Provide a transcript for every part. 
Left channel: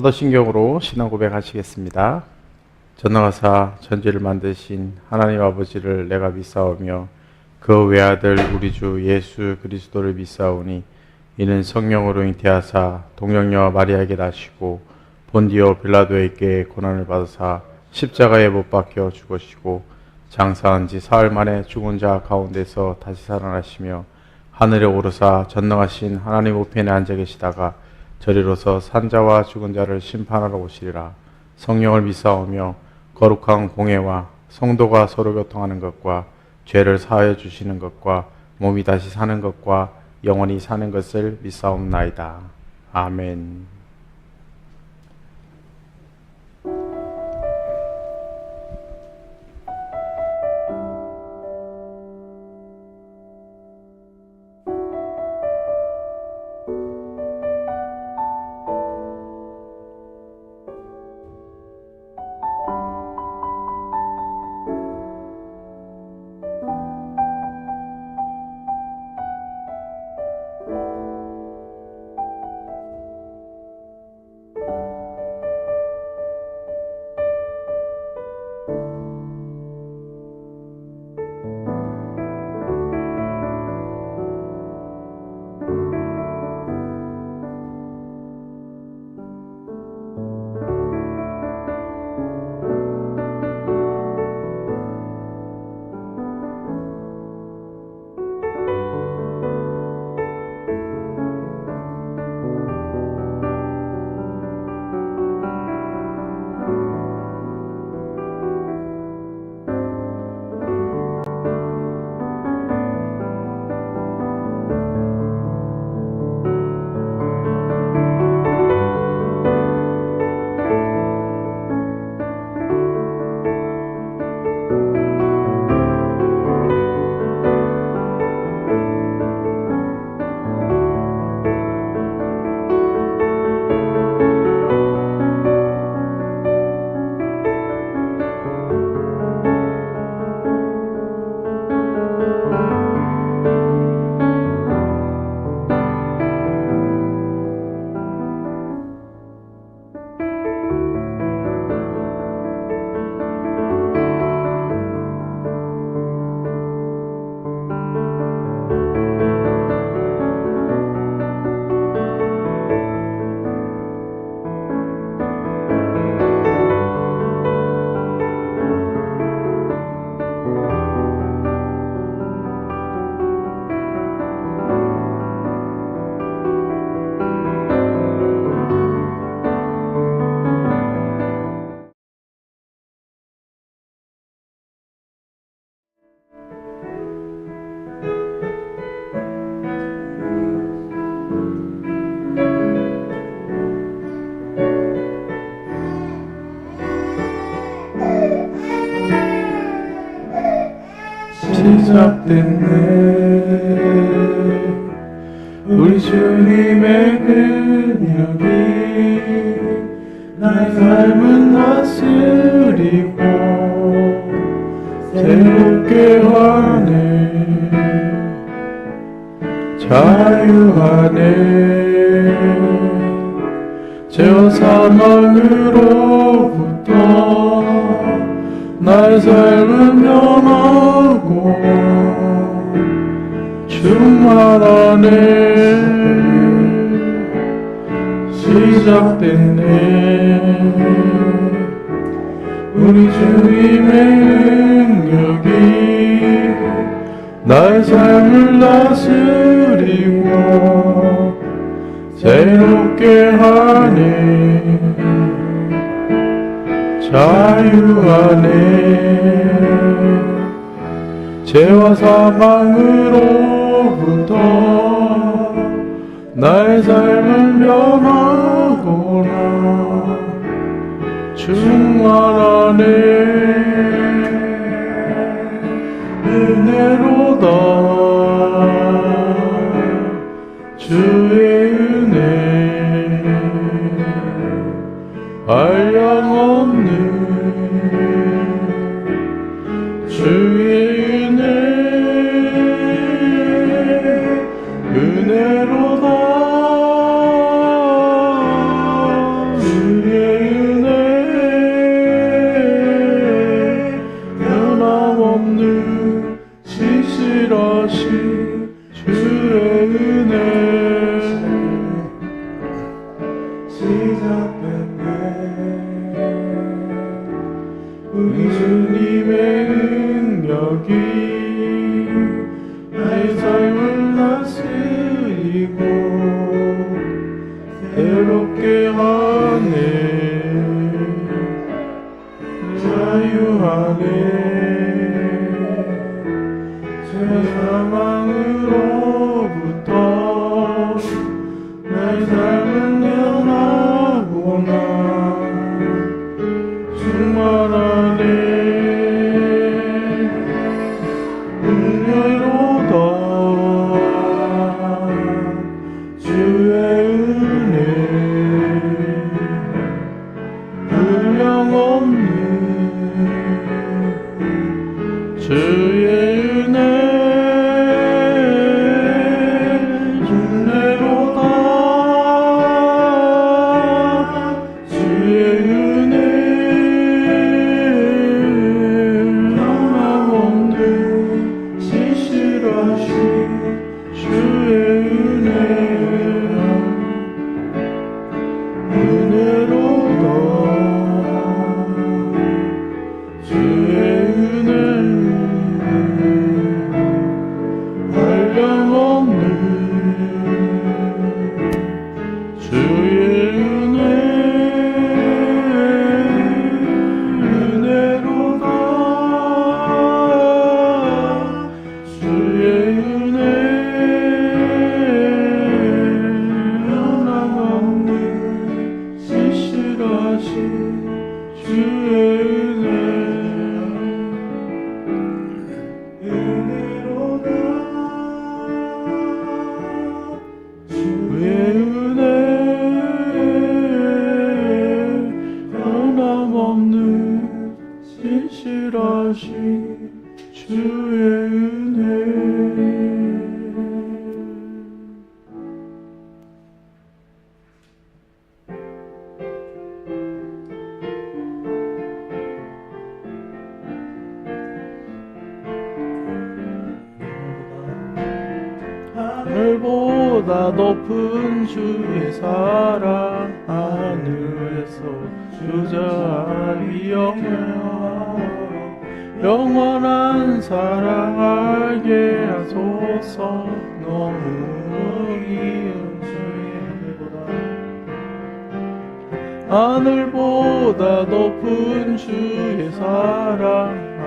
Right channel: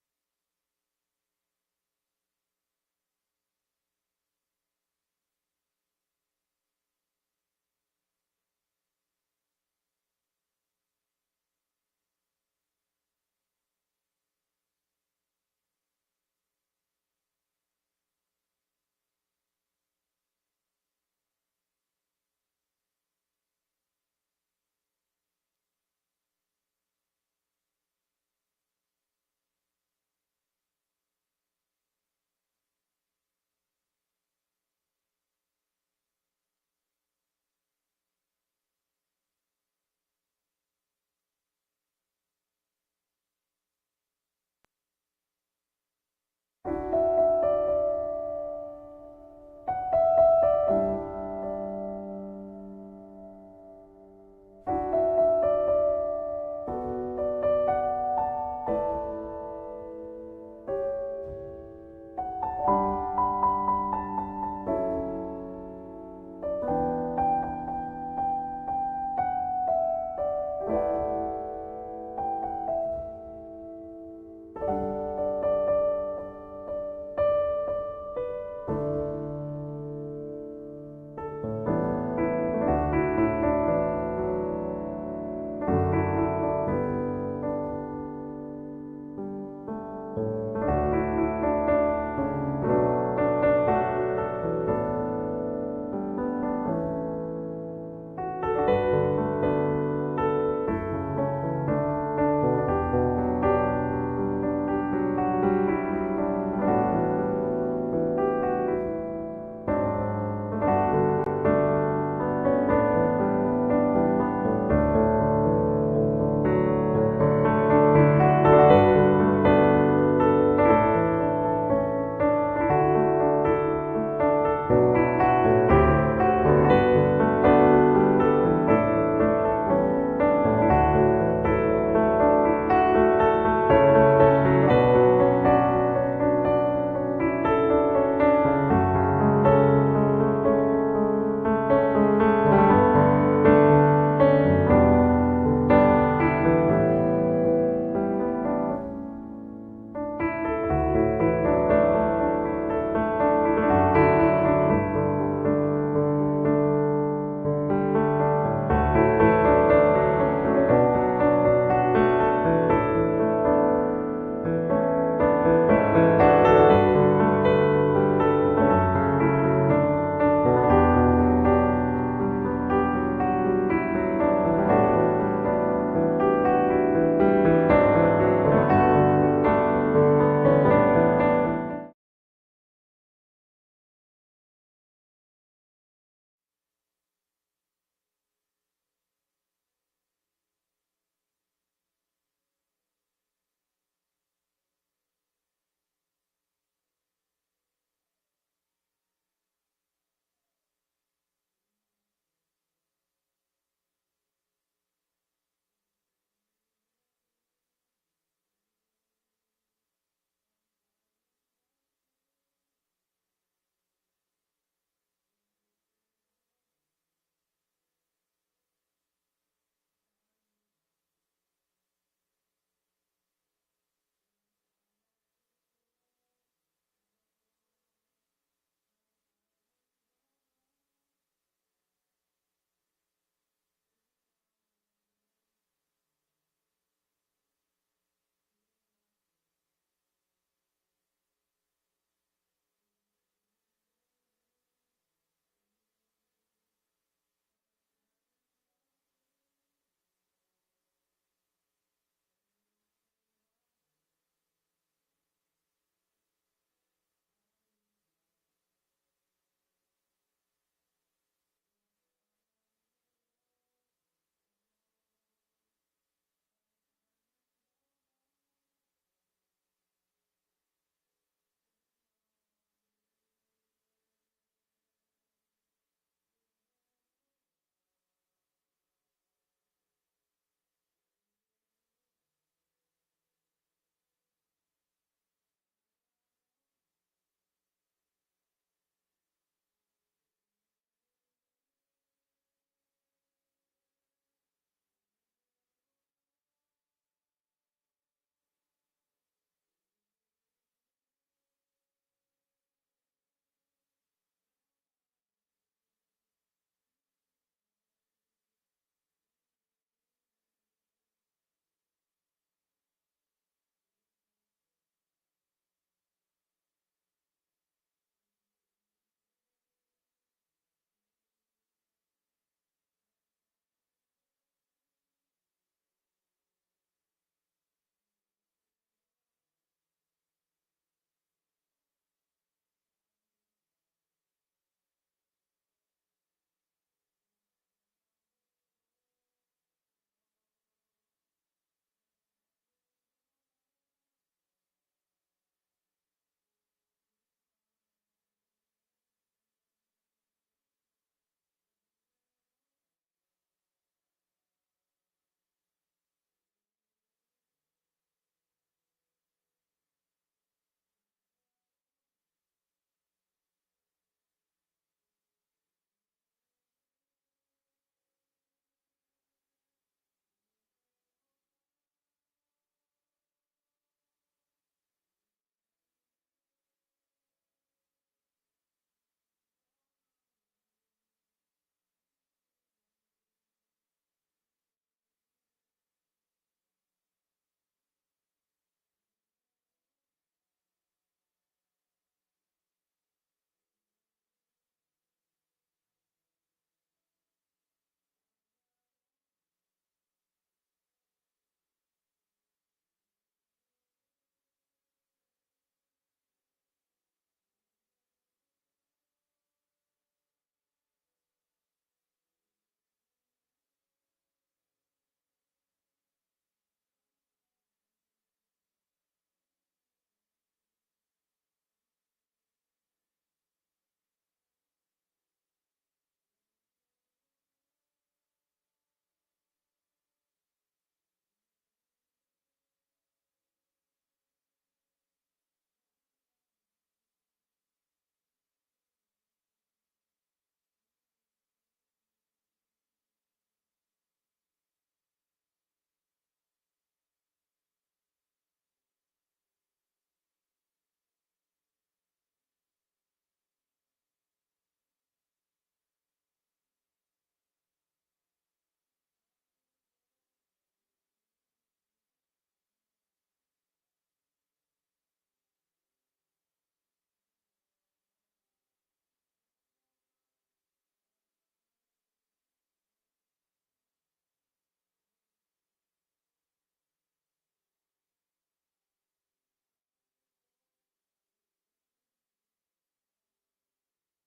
사도신경으로 신앙 고백하시겠습니다. 전능하사 천지를 만드신 하나님 아버지를 내가 믿사오며 그 외아들 우리 주 예수 그리스도를 믿사오니 이는 성령으로 잉태하사 동정녀와 마리아에게 나시고 본디오 빌라도에게 고난을 받으사 십자가에 못 박혀 죽으시고 장사한 지 사흘 만에 죽은 자 가운데서 다시 살아나시며 하늘에 오르사 전능하신 하나님 우편에 앉아 계시다가 저리로서 산자와 죽은 자를 심판하러 오시리라. 성령을 믿사오며 거룩한 공회와 성도가 서로 교통하는 것과 죄를 사하여 주시는 것과 몸이 다시 사는 것과 영원히 사는 것을 믿사옵나이다. 아멘. 시작됐네. 우리 주님의 능력이 나의 삶을 다스리고 새롭게 하네. 자유하네. 죄와 사망으로부터 나의 삶은 변하고 충만하네. 시작됐네. 우리 주님의 능력이 나의 삶을 다스리고 새롭게 하네. 자유하네. 죄와 사망으로부터 나의 삶은 변하거나 충만하네. 은혜로다. 주의 은혜 한량없는 주의 은혜. 은혜로다. 은혜 시작됐네. 우리 주님의 능력이 나의 삶을 다스리고 새롭게 하네. 자유하네. 사망으로부터 나의 삶은 변하구나. 충만하네. 은혜로다. 주의 은혜 분량없는 주의 은혜 은혜로다. 주의 은혜 변함없는 신실하신 주의 은혜 은혜로다. 주의 은혜 한량없는 주의 은혜 은혜로다. 주의 은혜 변함없는 신실하신 주의 은혜 은혜로다. 주의 은혜 변함없는 신실하신 주의 은혜. 하늘보다 높은 주의 사랑 하늘에서 주자비 영원한 사랑 알게 하소서. 너무 이은 주의 하늘보다 높은 주의 사랑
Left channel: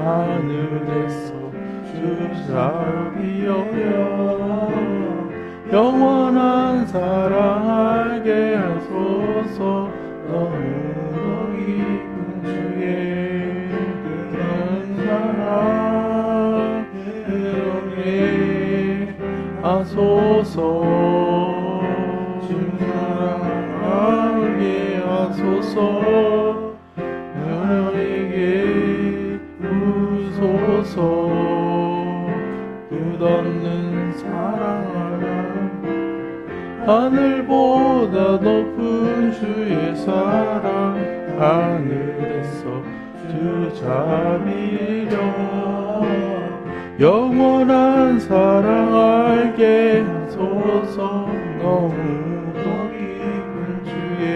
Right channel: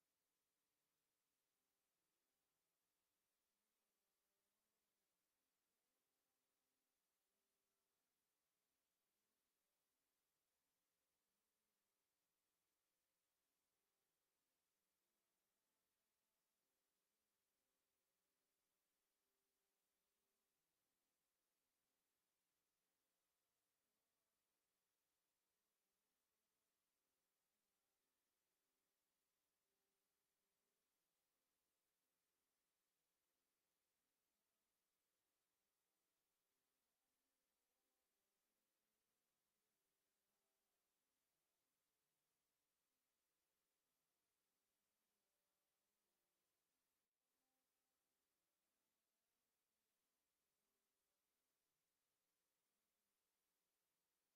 하늘에서 주자비 영원한 사랑 알게 하소서. 너무 깊은 주의 큰 사랑 이렇게 하소서. 주 사랑 알게 하소서. 너에게 부소서. 끝없는 사랑 하늘보다 높은 주의 사랑 하늘에서 주자비려 영원한 사랑 알게 하소서. 너무도 깊은 주의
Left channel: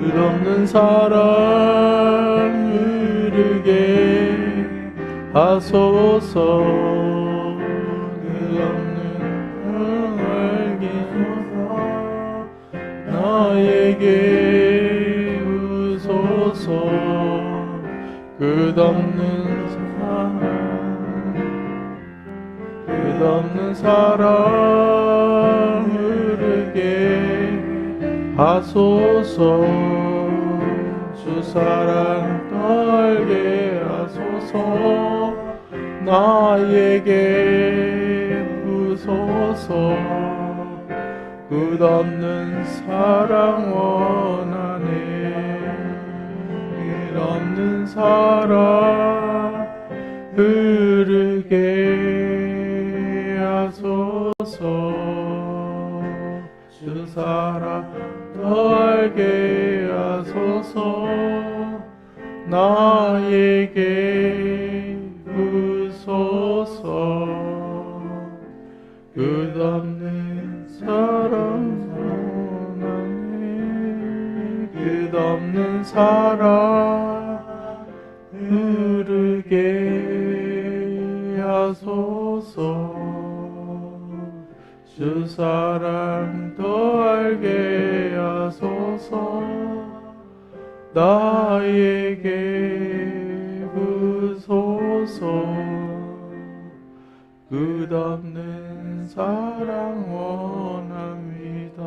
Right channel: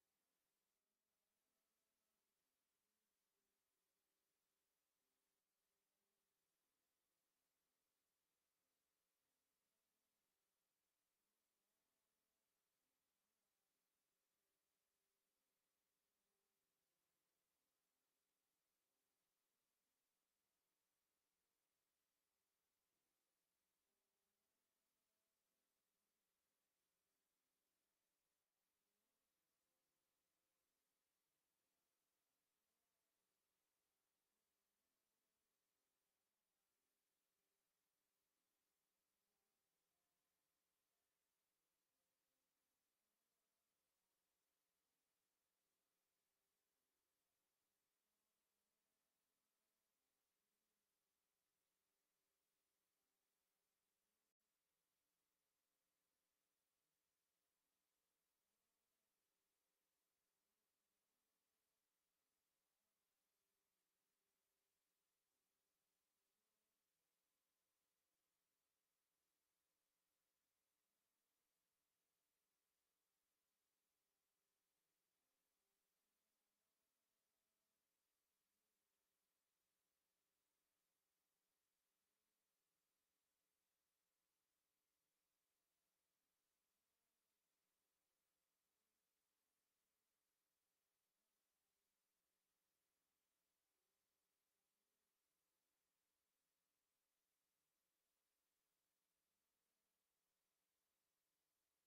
끝없는 사랑 흐르게 하소서. 나에게 우소서. 끝없는 사랑 끝없는 사랑 흐르게 하소서. 주 사랑 알게 하소서. 나에게 부소서. 끝없는 사랑 원하네. 끝없는 사랑 흐르게 하소서. 주 사랑 알게 하소서. 나에게 부소서. 끝없는 끝없는 사랑 원하네. 끝없는 사랑 흐르게 하소서. 주 사랑 더 알게 하소서. 나에게 부소서. 끝없는 사랑 원합니다.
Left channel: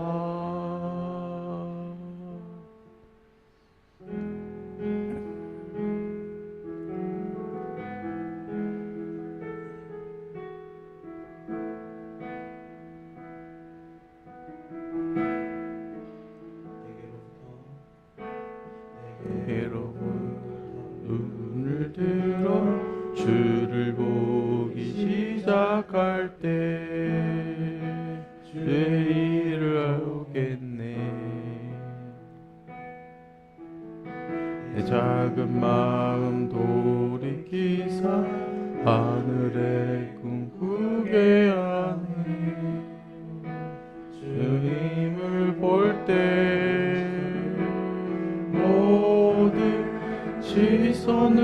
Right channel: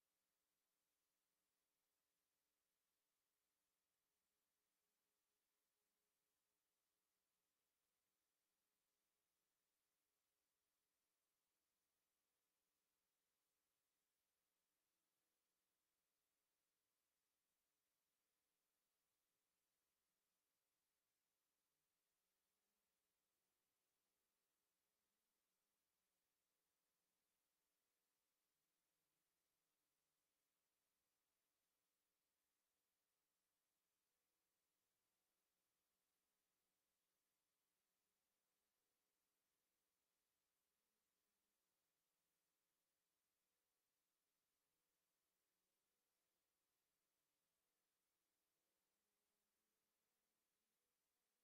여러분 눈을 들어 주를 보기 시작할 때 주의 일을 알겠네. 내 작은 마음 돌이키사 하늘에 꿈꾸게 하네. 주님을 볼 때 모든 시선을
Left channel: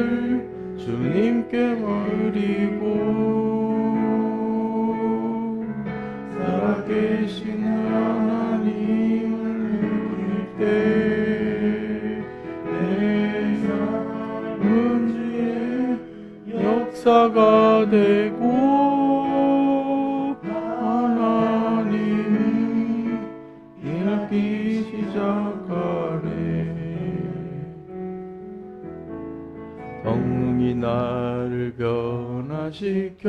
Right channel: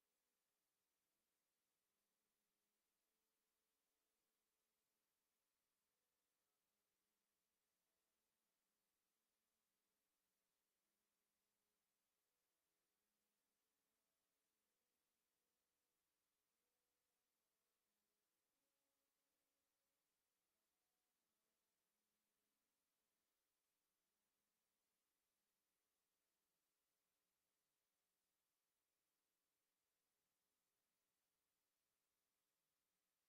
주님께 물이고 살아계신 하나님을 느낄 때 내 삶은 주의 역사가 되고 하나님이 일하기 시작하네. 성령이 나를 변화시켜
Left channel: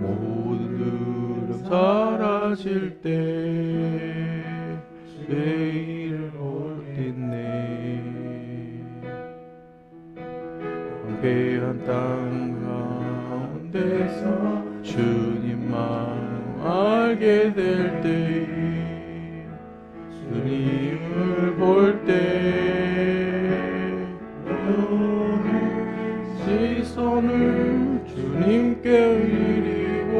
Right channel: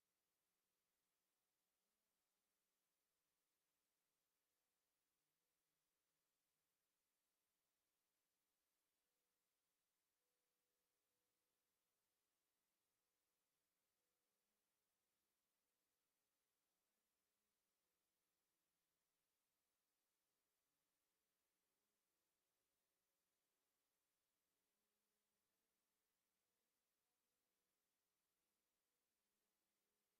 모든 두려움 사라질 때 죄를 옳겠네. 황폐한 땅 가운데서 주님 마음 알게 될 때 주님을 볼 때 시선을 주님께 드리고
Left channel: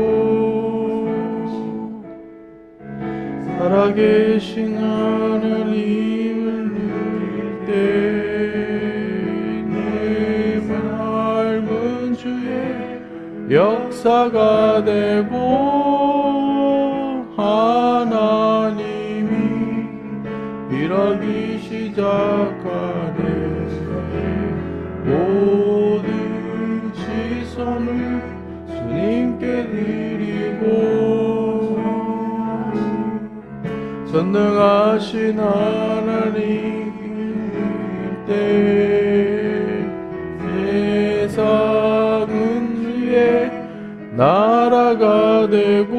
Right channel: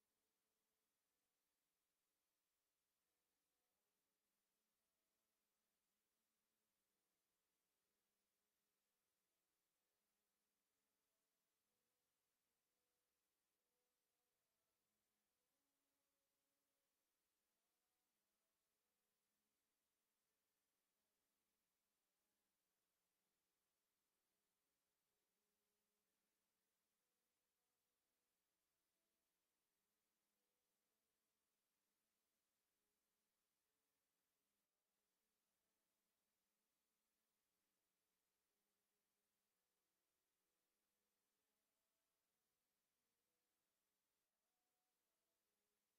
살아계신 하나님을 누릴 때 내 삶은 주의 역사가 되고 하나님이 일하기 시작하네. 모든 시선을 주님께 드리고 전능하신 하나님 때 세상은 주의 나라가 되고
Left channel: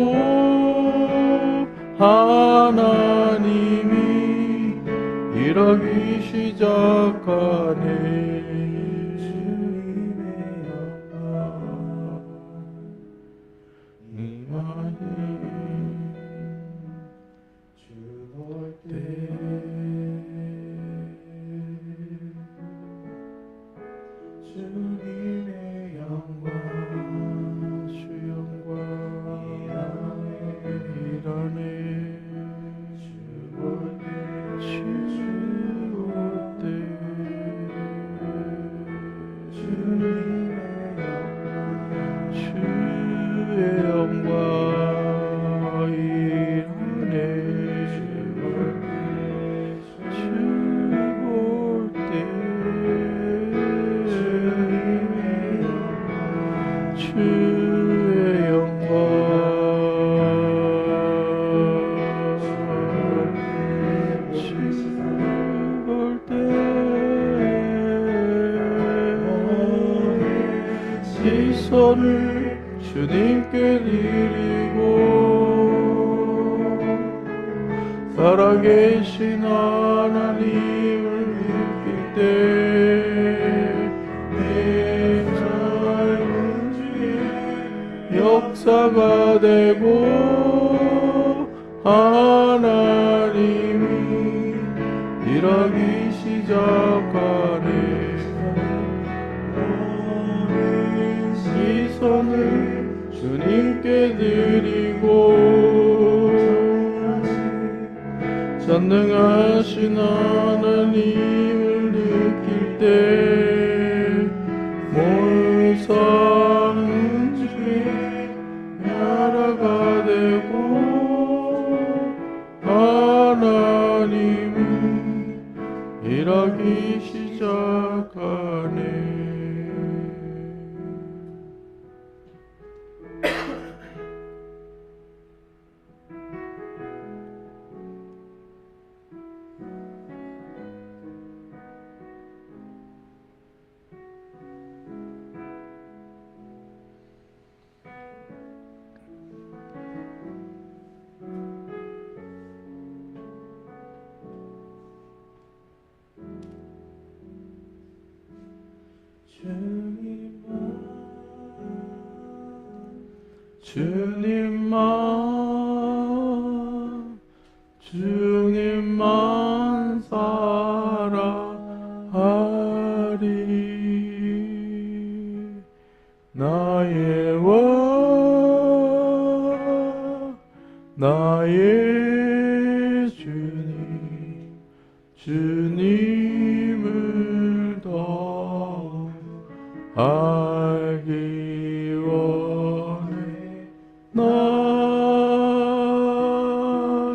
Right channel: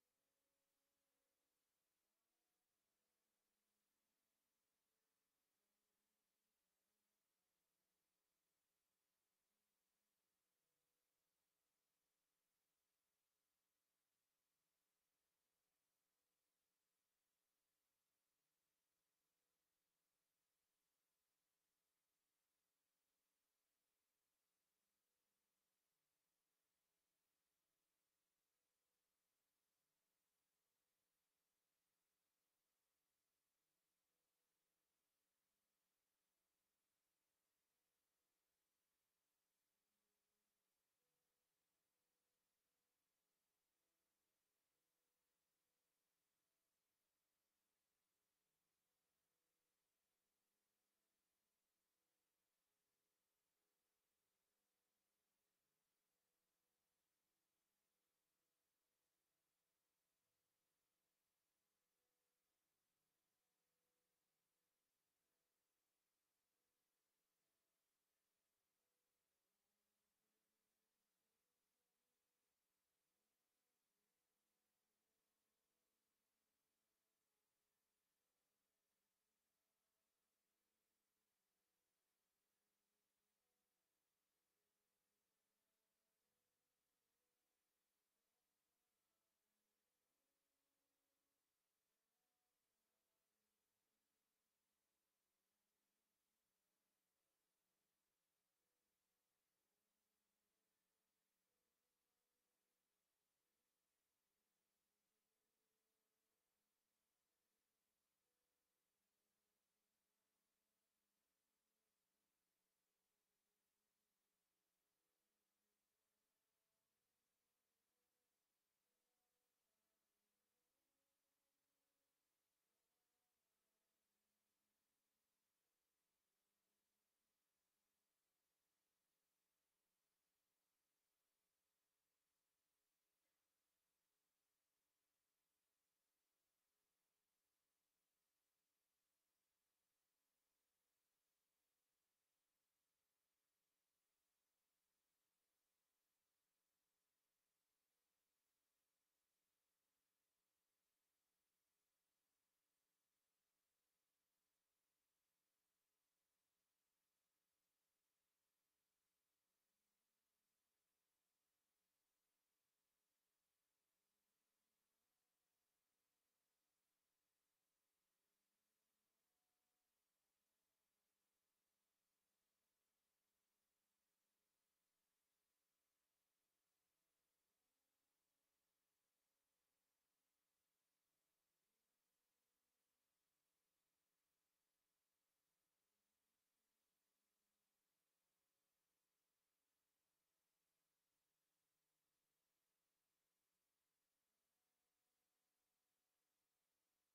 하나님이 일하기 시작하네. 주님의 영광 주 영광 일하네. 주 볼 때 주님의 영광 일하네. 주 볼 때 주의 영광 주 볼 때 시선을 주님께 드리고 살아계신 하나님을 믿을 때 내 삶은 주의 역사가 되고 하나님이 일하기 시작하네. 시선을 주님께 드리고 전능하신 하나님을 느낄 때 모든 사는 주의 나라가 되고 하나님은 일하기 시작하네. 주님만 사랑하리. 나의 왕 나의 주님을 더 알기 원해. 나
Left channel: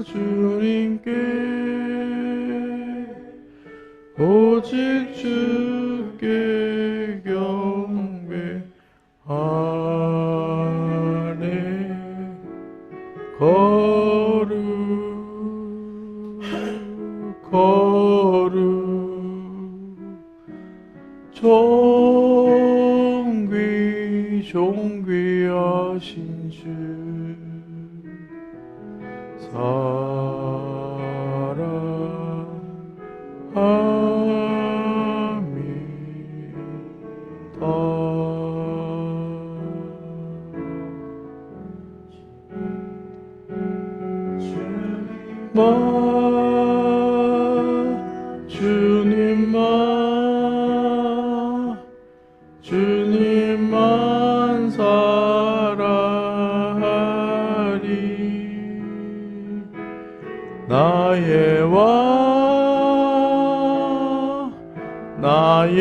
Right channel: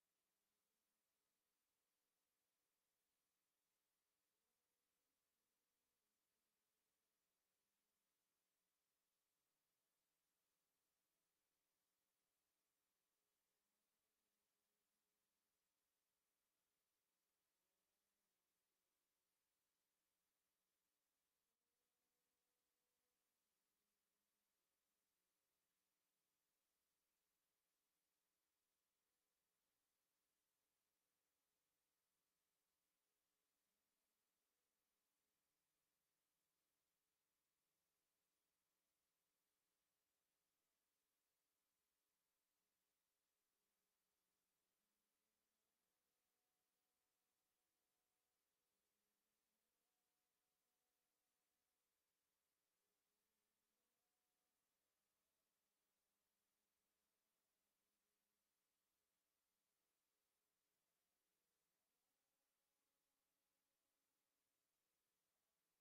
주님께 오직 주께 경배하네. 거룩 존귀하신 주 주님만 사랑하리. 나의 왕 나의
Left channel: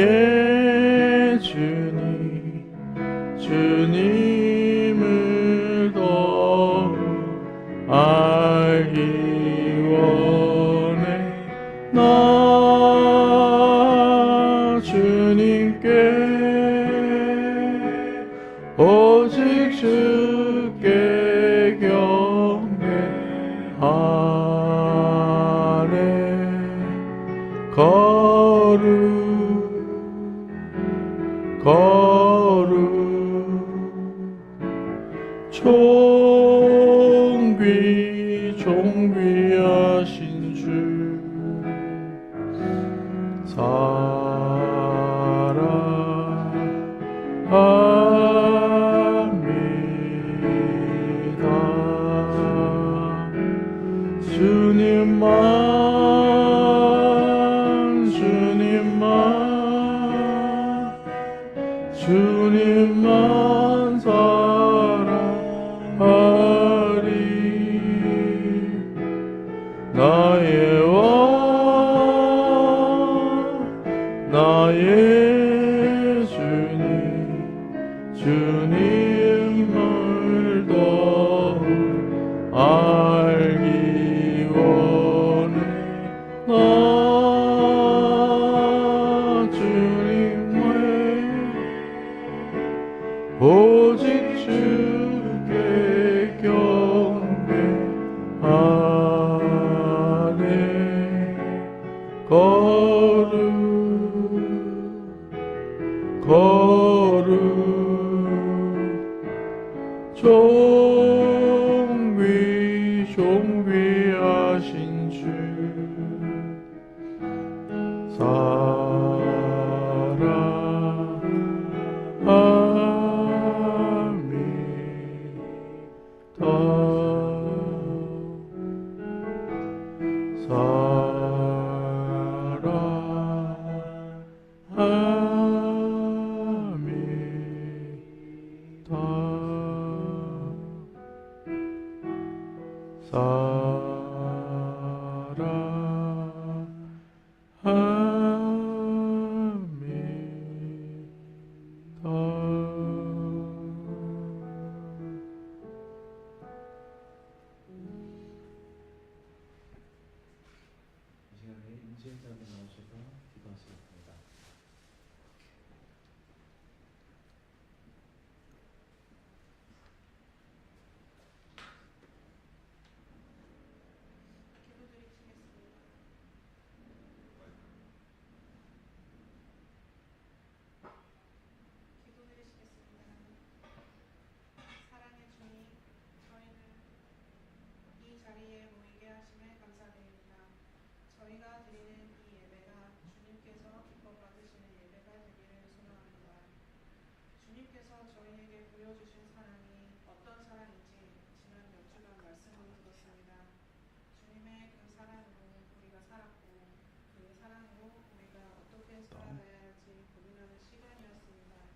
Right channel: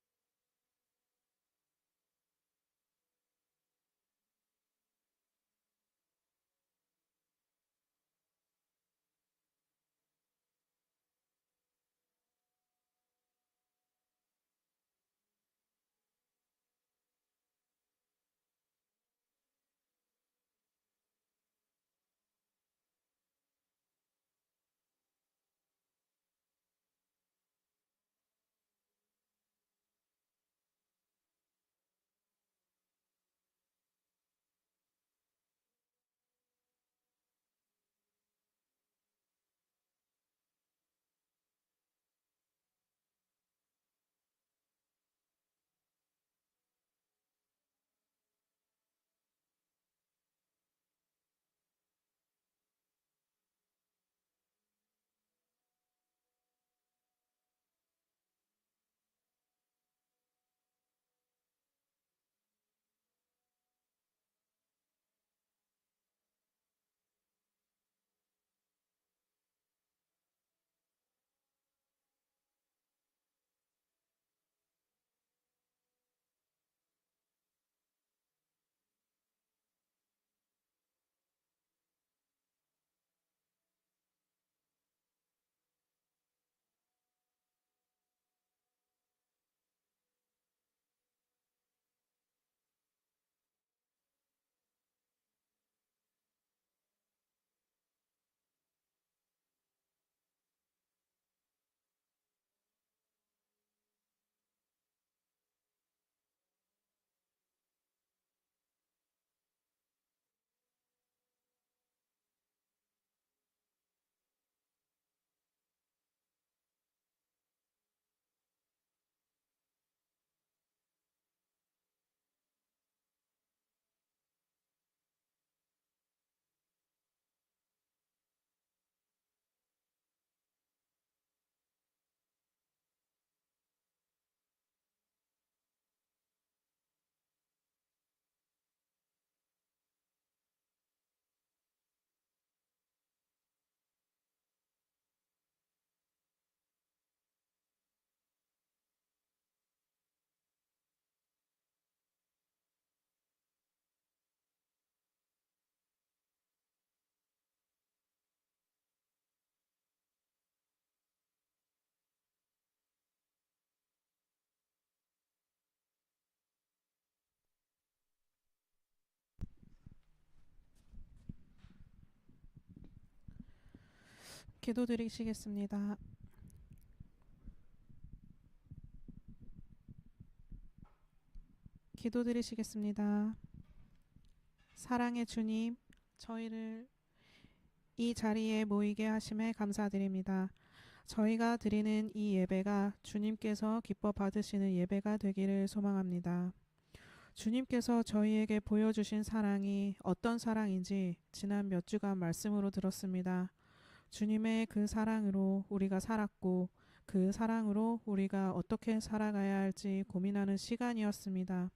주님을 더 알기 원해. 나 주님께 오직 주께 경배하네. 거룩 존귀하신 주 사랑합니다. 주님만 사랑하리. 나의 왕 나의 주님을 더 알기 원해. 나 주님의 오직 주께 경배하네. 거룩 존귀하신 주 사랑합니다. 중심점에 나오셔서 기도하시겠습니다. 기도드리시겠습니다. 기도드리시겠습니다. 사랑의 주님, 저희를 이 자리에 모이게 하심에 감사드립니다. 저희가 드리는 이 예배가 주님께서 기뻐 받으시는 예배가 되기를 소망합니다. 주님께서 저희에게 보여주신 사랑이 어떤 사랑인지 지난 몇 주간 말씀으로 들었습니다. 주님의 그 사랑으로 우리가 살았고 그 사랑으로 우리가 어떻게 살아가야 할지 고민하는 시간이었습니다.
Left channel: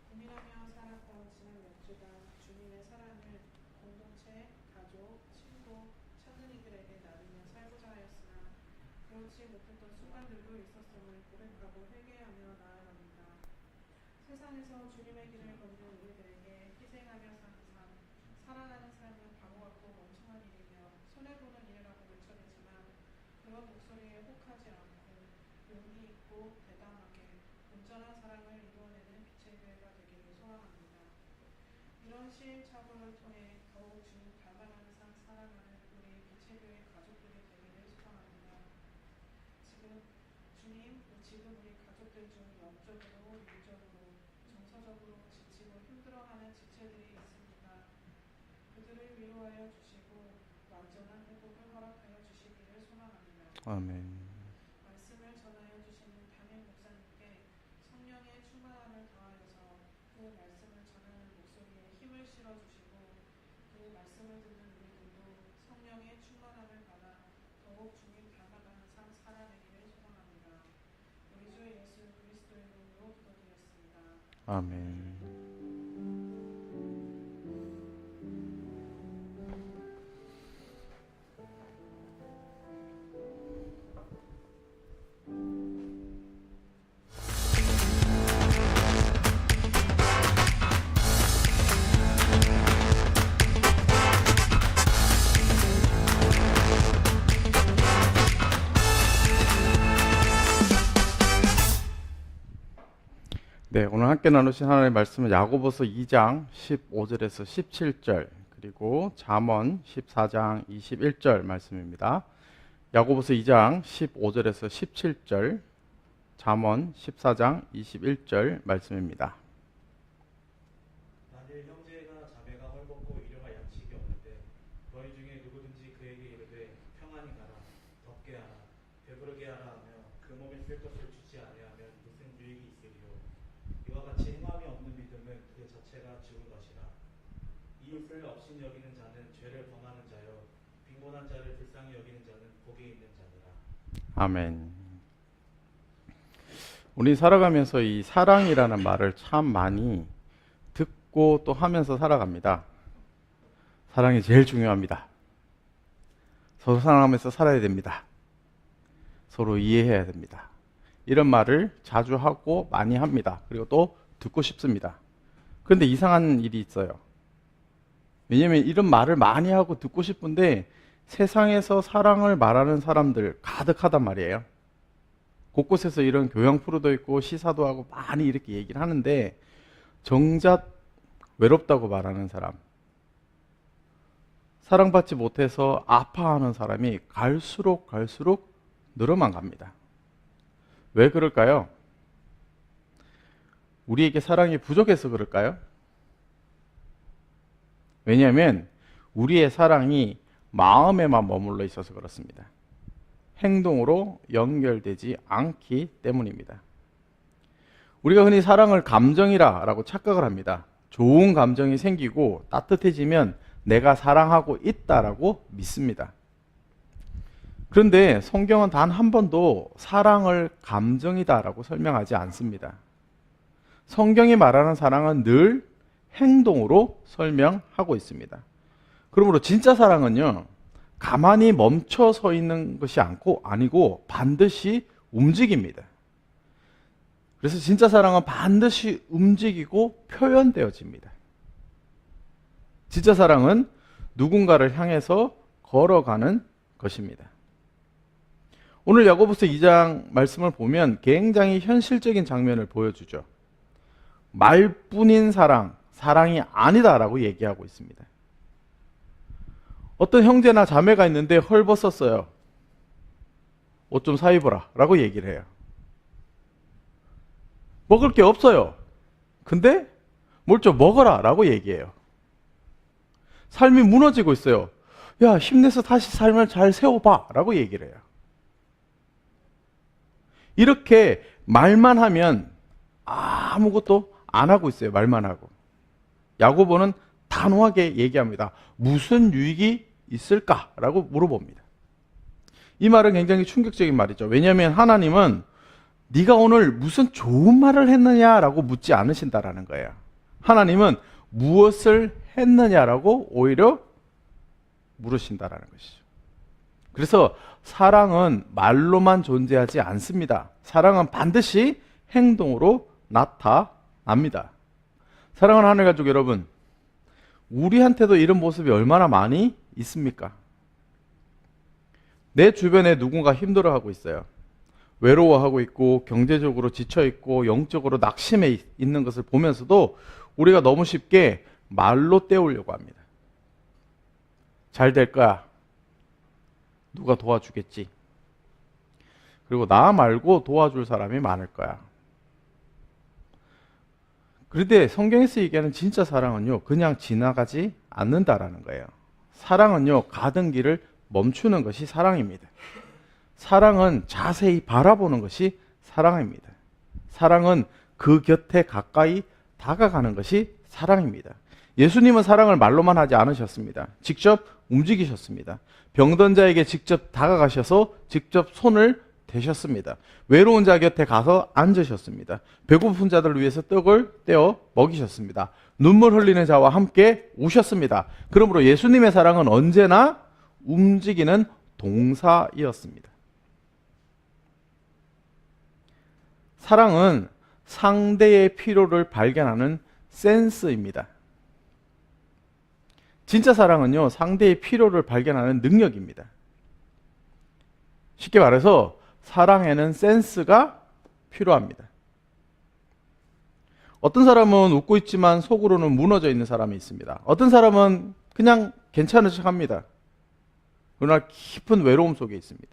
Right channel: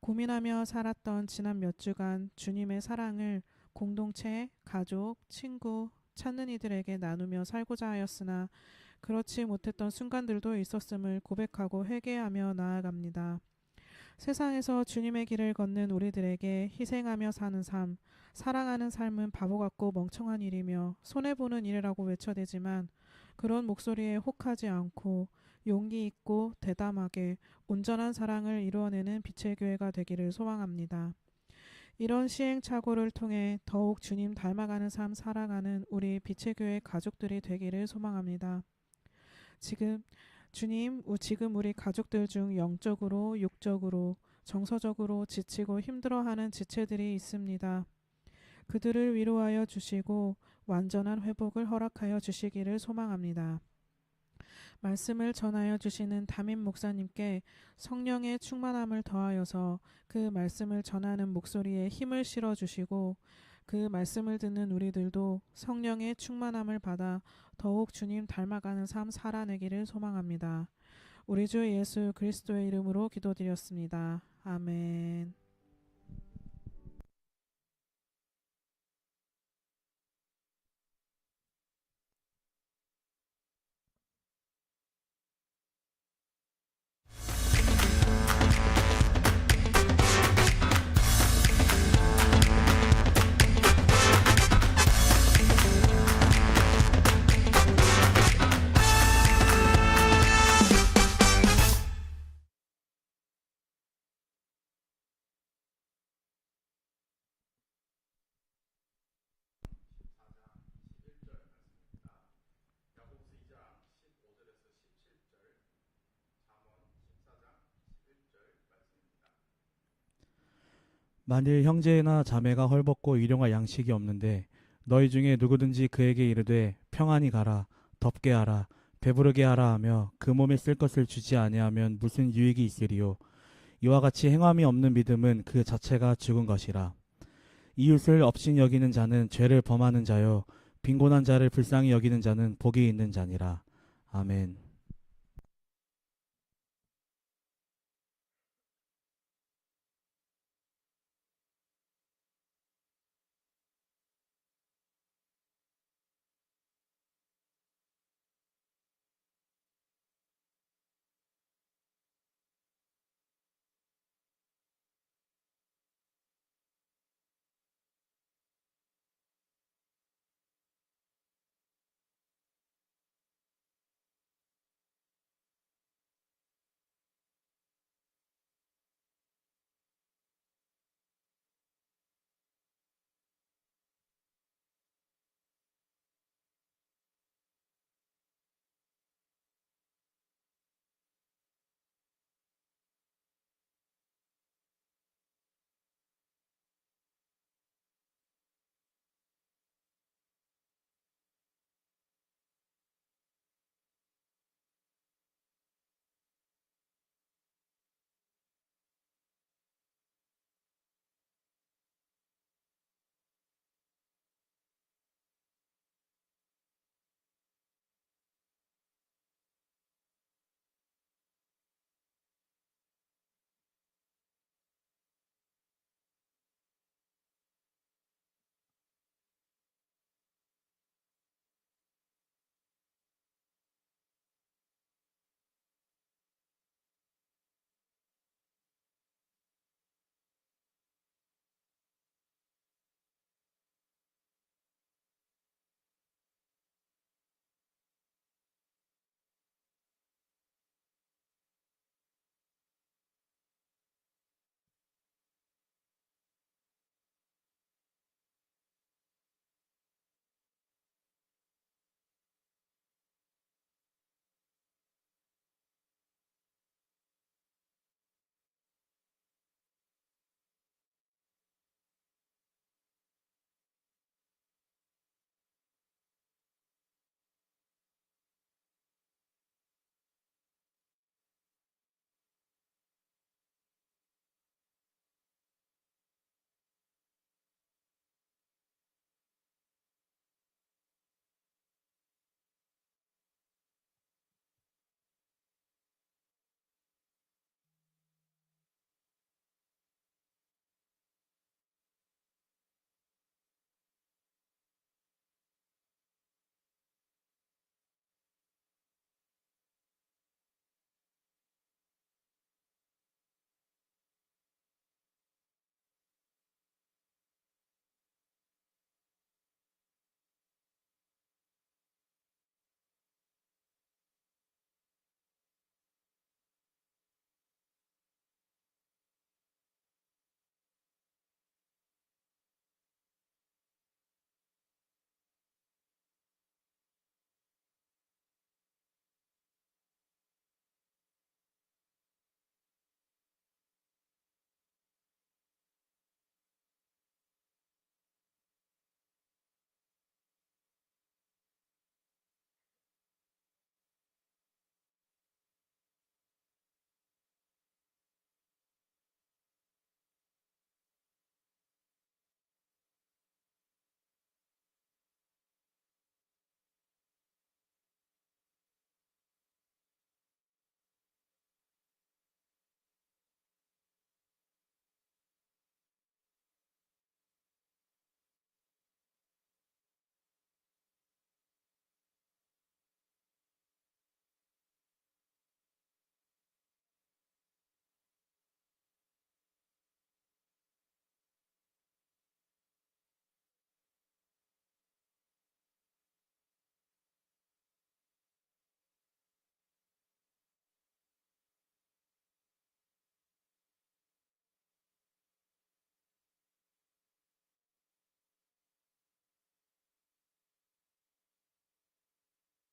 고민하며 살았던 지난 몇 주간 주님의 사랑을 공동체, 가족, 친구, 찾는 이들에게 나누며 살고자 하였으나 그렇지 못했던 순간들도 있었음을 고백하고 회개하며 나아갑니다. 세상에서 주님의 길을 걷는 우리들에게 희생하며 사는 삶, 사랑하는 삶은 바보 같고 멍청한 일이며 손해보는 일이라고 외쳐대지만 그런 목소리에 혹하지 않고 용기 있고 대담하게 온전한 사랑을 이루어내는 빛의 교회가 되기를 소망합니다. 이런 시행착오를 통해 더욱 주님 닮아가는 삶 살아가는 우리 빛의 교회 가족들이 되기를 소망합니다. 지금 우리 가족들 중 영적으로, 육적으로, 정서적으로 지치고 힘들어하는 지체들이 있습니다. 그들을 위로하여 주시고 완전한 회복을 허락하여 주시기를 소망합니다. 아멘. 말씀을 전하여 주시는 담임 목사님께 성령의 충만함을 더하여서 그 말씀을 전하는 목소리에 힘을 실어 주시고 그 말씀을 듣는 우리들도 성령의 충만함을 받아 더욱 주님 닮아가는 삶 살아내기를 소망합니다. 우리 주 예수 그리스도의 이름으로 기도드렸습니다. 아멘. 네, 오늘 함께 나누신 하나님의 말씀은 야고보서 2장 15절에서 17절 그리고 잠언 14장 21절 말씀입니다. 야고보서 2장 15절에서 17절, 잠언 14장 21절 말씀입니다. 만일 형제나 자매가 헐벗고 일용할 양식이 없는데 너희 중에 누구든지 그에게 이르되 평안히 가라, 덥게 하라, 배부르게 하라 하며 그 몸에 쓸 것을 주지 아니하면 무슨 유익이 있으리요. 이와 같이 행함이 없는 믿음은 그 자체가 죽은 것이라. 이웃을 업신 여기는 자는 죄를 범하는 자요 빈곤한 자를 불쌍히 여기는 자는 복이 있는 자니라. 아멘. 우리 살아가면서 이 사랑이라는 말을 참 많이 듣고 또 하면서 살아갑니다. 사랑이 제일 중요합니다. 서로 사랑하면서 살아야 됩니다. 서로 이해해야 됩니다. 이런 말을 자주 하고 많이 합니다. 그리고 또 듣고 싶습니다. 그런데 이상한 일이 있어요. 왜냐하면 이런 말을 많이 하고 듣고 싶은데 세상에서 사랑을 말하는 사람들 가득하단 말이에요. 곳곳에서 이런 교양 프로도 있고 시사도 하고 많이 이렇게 얘기를 하는데 정작 외롭다고 말하는 사람, 사랑받지 못해서 아파하는 사람이 갈수록 늘어만 갑니다. 왜 그럴까요? 우리에게 사랑이 부족해서 그럴까요? 왜냐하면 우리의 사랑이 마음에만 머물러 있어서 그렇습니다. 행동으로 연결되지 않기 때문입니다. 우리가 흔히 사랑을 감정이라고 착각을 합니다. 좋은 감정이 생기고 따뜻해지면 내가 사랑하고 있다라고 믿습니다. 그런데 성경은 단 한 번도 사랑을 감정이다라고 설명하지 않습니다. 성경이 말하는 사랑은 늘 행동으로 설명하고 있습니다. 그러므로 진짜 사랑은요, 가만히 멈춰 서 있는 것이 아니고 반드시 움직입니다. 그래서 진짜 사랑은 반드시 움직이고 표현되어집니다. 진짜 사랑은 누군가를 향해서 걸어가는 것입니다. 오늘 야고보서 2장 말씀을 보면 굉장히 현실적인 장면을 보여주죠. 말뿐인 사랑이 아니다라고 얘기하고 있습니다. 어떤 형제나 자매가 있는데 헐벗었어요. 옷 좀 사 입어라 라고 얘기를 해요. 먹을 게 없어요. 근데 뭘 좀 먹어라 라고 얘기해요. 삶이 무너지고 있어요. 야, 힘내서 다시 삶을 잘 세워봐 라고 얘기를 해요. 이렇게 말만 하면 아무것도 안 하고 있어요. 말만 하고. 야고보는 단호하게 얘기합니다. 무슨 유익이 있을까라고 물어봅니다. 이 말은 굉장히 충격적인 말이죠. 왜냐하면 하나님은 네가 오늘 무슨 좋은 말을 했느냐라고 묻지 않으신다라는 거예요. 하나님은 무엇을 했느냐라고 오히려 물으신다라는 것이죠. 그래서 사랑은 말로만 존재하지 않습니다. 사랑은 반드시 행동으로 나타납니다. 사랑하는 하늘 가족 여러분, 우리한테도 이런 모습이 얼마나 많이 있습니까? 내 주변에 누군가 힘들어하고 있어요. 외로워하고 있고 경제적으로 지쳐있고 영적으로 낙심해 있는 것을 보면서도 우리가 너무 쉽게 말로 때우려고 합니다. 잘 될 거야. 누가 도와주겠지. 그리고 나 말고 도와줄 사람이 많을 거야. 그런데 성경에서 얘기하는 진짜 사랑은요, 그냥 지나가지 않는다라는 거예요. 사랑은요, 가던 길을 멈추는 것이 사랑입니다. 사랑은 자세히 바라보는 것이 사랑입니다. 사랑은 그 곁에 가까이 다가가는 것이 사랑입니다. 예수님은 사랑을 말로만 하지 않으셨습니다. 직접 움직이셨습니다. 병든 자에게 직접 다가가셔서 직접 손을 대셨습니다. 외로운 자 곁에 가서 앉으셨습니다. 배고픈 자들을 위해서 떡을 떼어 먹이셨습니다. 눈물 흘리는 자와 함께 우셨습니다. 그러므로 예수님의 사랑은 언제나 움직이는 동사이었습니다. 사랑은 상대의 필요를 발견하는 센스입니다. 진짜 사랑은요, 상대의 필요를 발견하는 능력입니다. 쉽게 말해서 사랑에는 센스가 필요합니다. 어떤 사람은 웃고 있지만 속으로는 무너져 있는 사람이 있습니다. 어떤 사람은 그냥 괜찮은 척합니다. 그러나 깊은 외로움 속에 있습니다.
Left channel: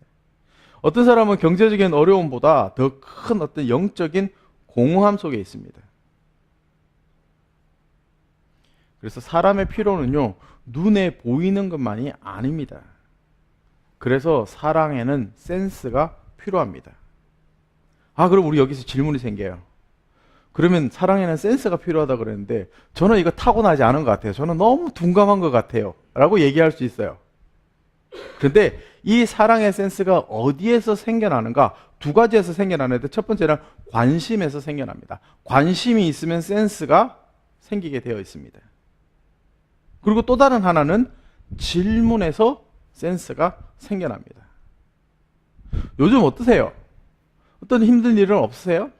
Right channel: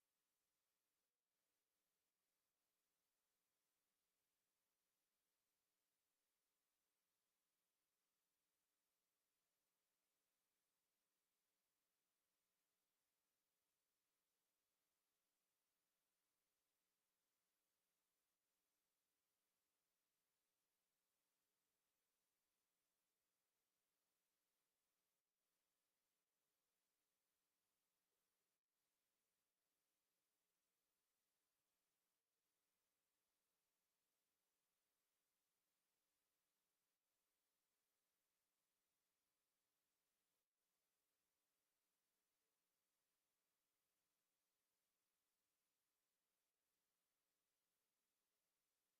어떤 사람은 경제적인 어려움보다 더 큰 어떤 영적인 공허함 속에 있습니다. 그래서 사람의 필요는요, 눈에 보이는 것만이 아닙니다. 그래서 사랑에는 센스가 필요합니다. 그럼 우리 여기서 질문이 생겨요. 그러면 사랑에는 센스가 필요하다 그랬는데 저는 이거 타고나지 않은 것 같아요. 저는 너무 둔감한 것 같아요 라고 얘기할 수 있어요. 그런데 이 사랑의 센스가 어디에서 생겨나는가? 두 가지에서 생겨나는데 첫 번째는 관심에서 생겨납니다. 관심이 있으면 센스가 생기게 되어 있습니다. 그리고 또 다른 하나는 질문에서 센스가 생겨납니다. 요즘 어떠세요? 어떤 힘든 일은 없으세요?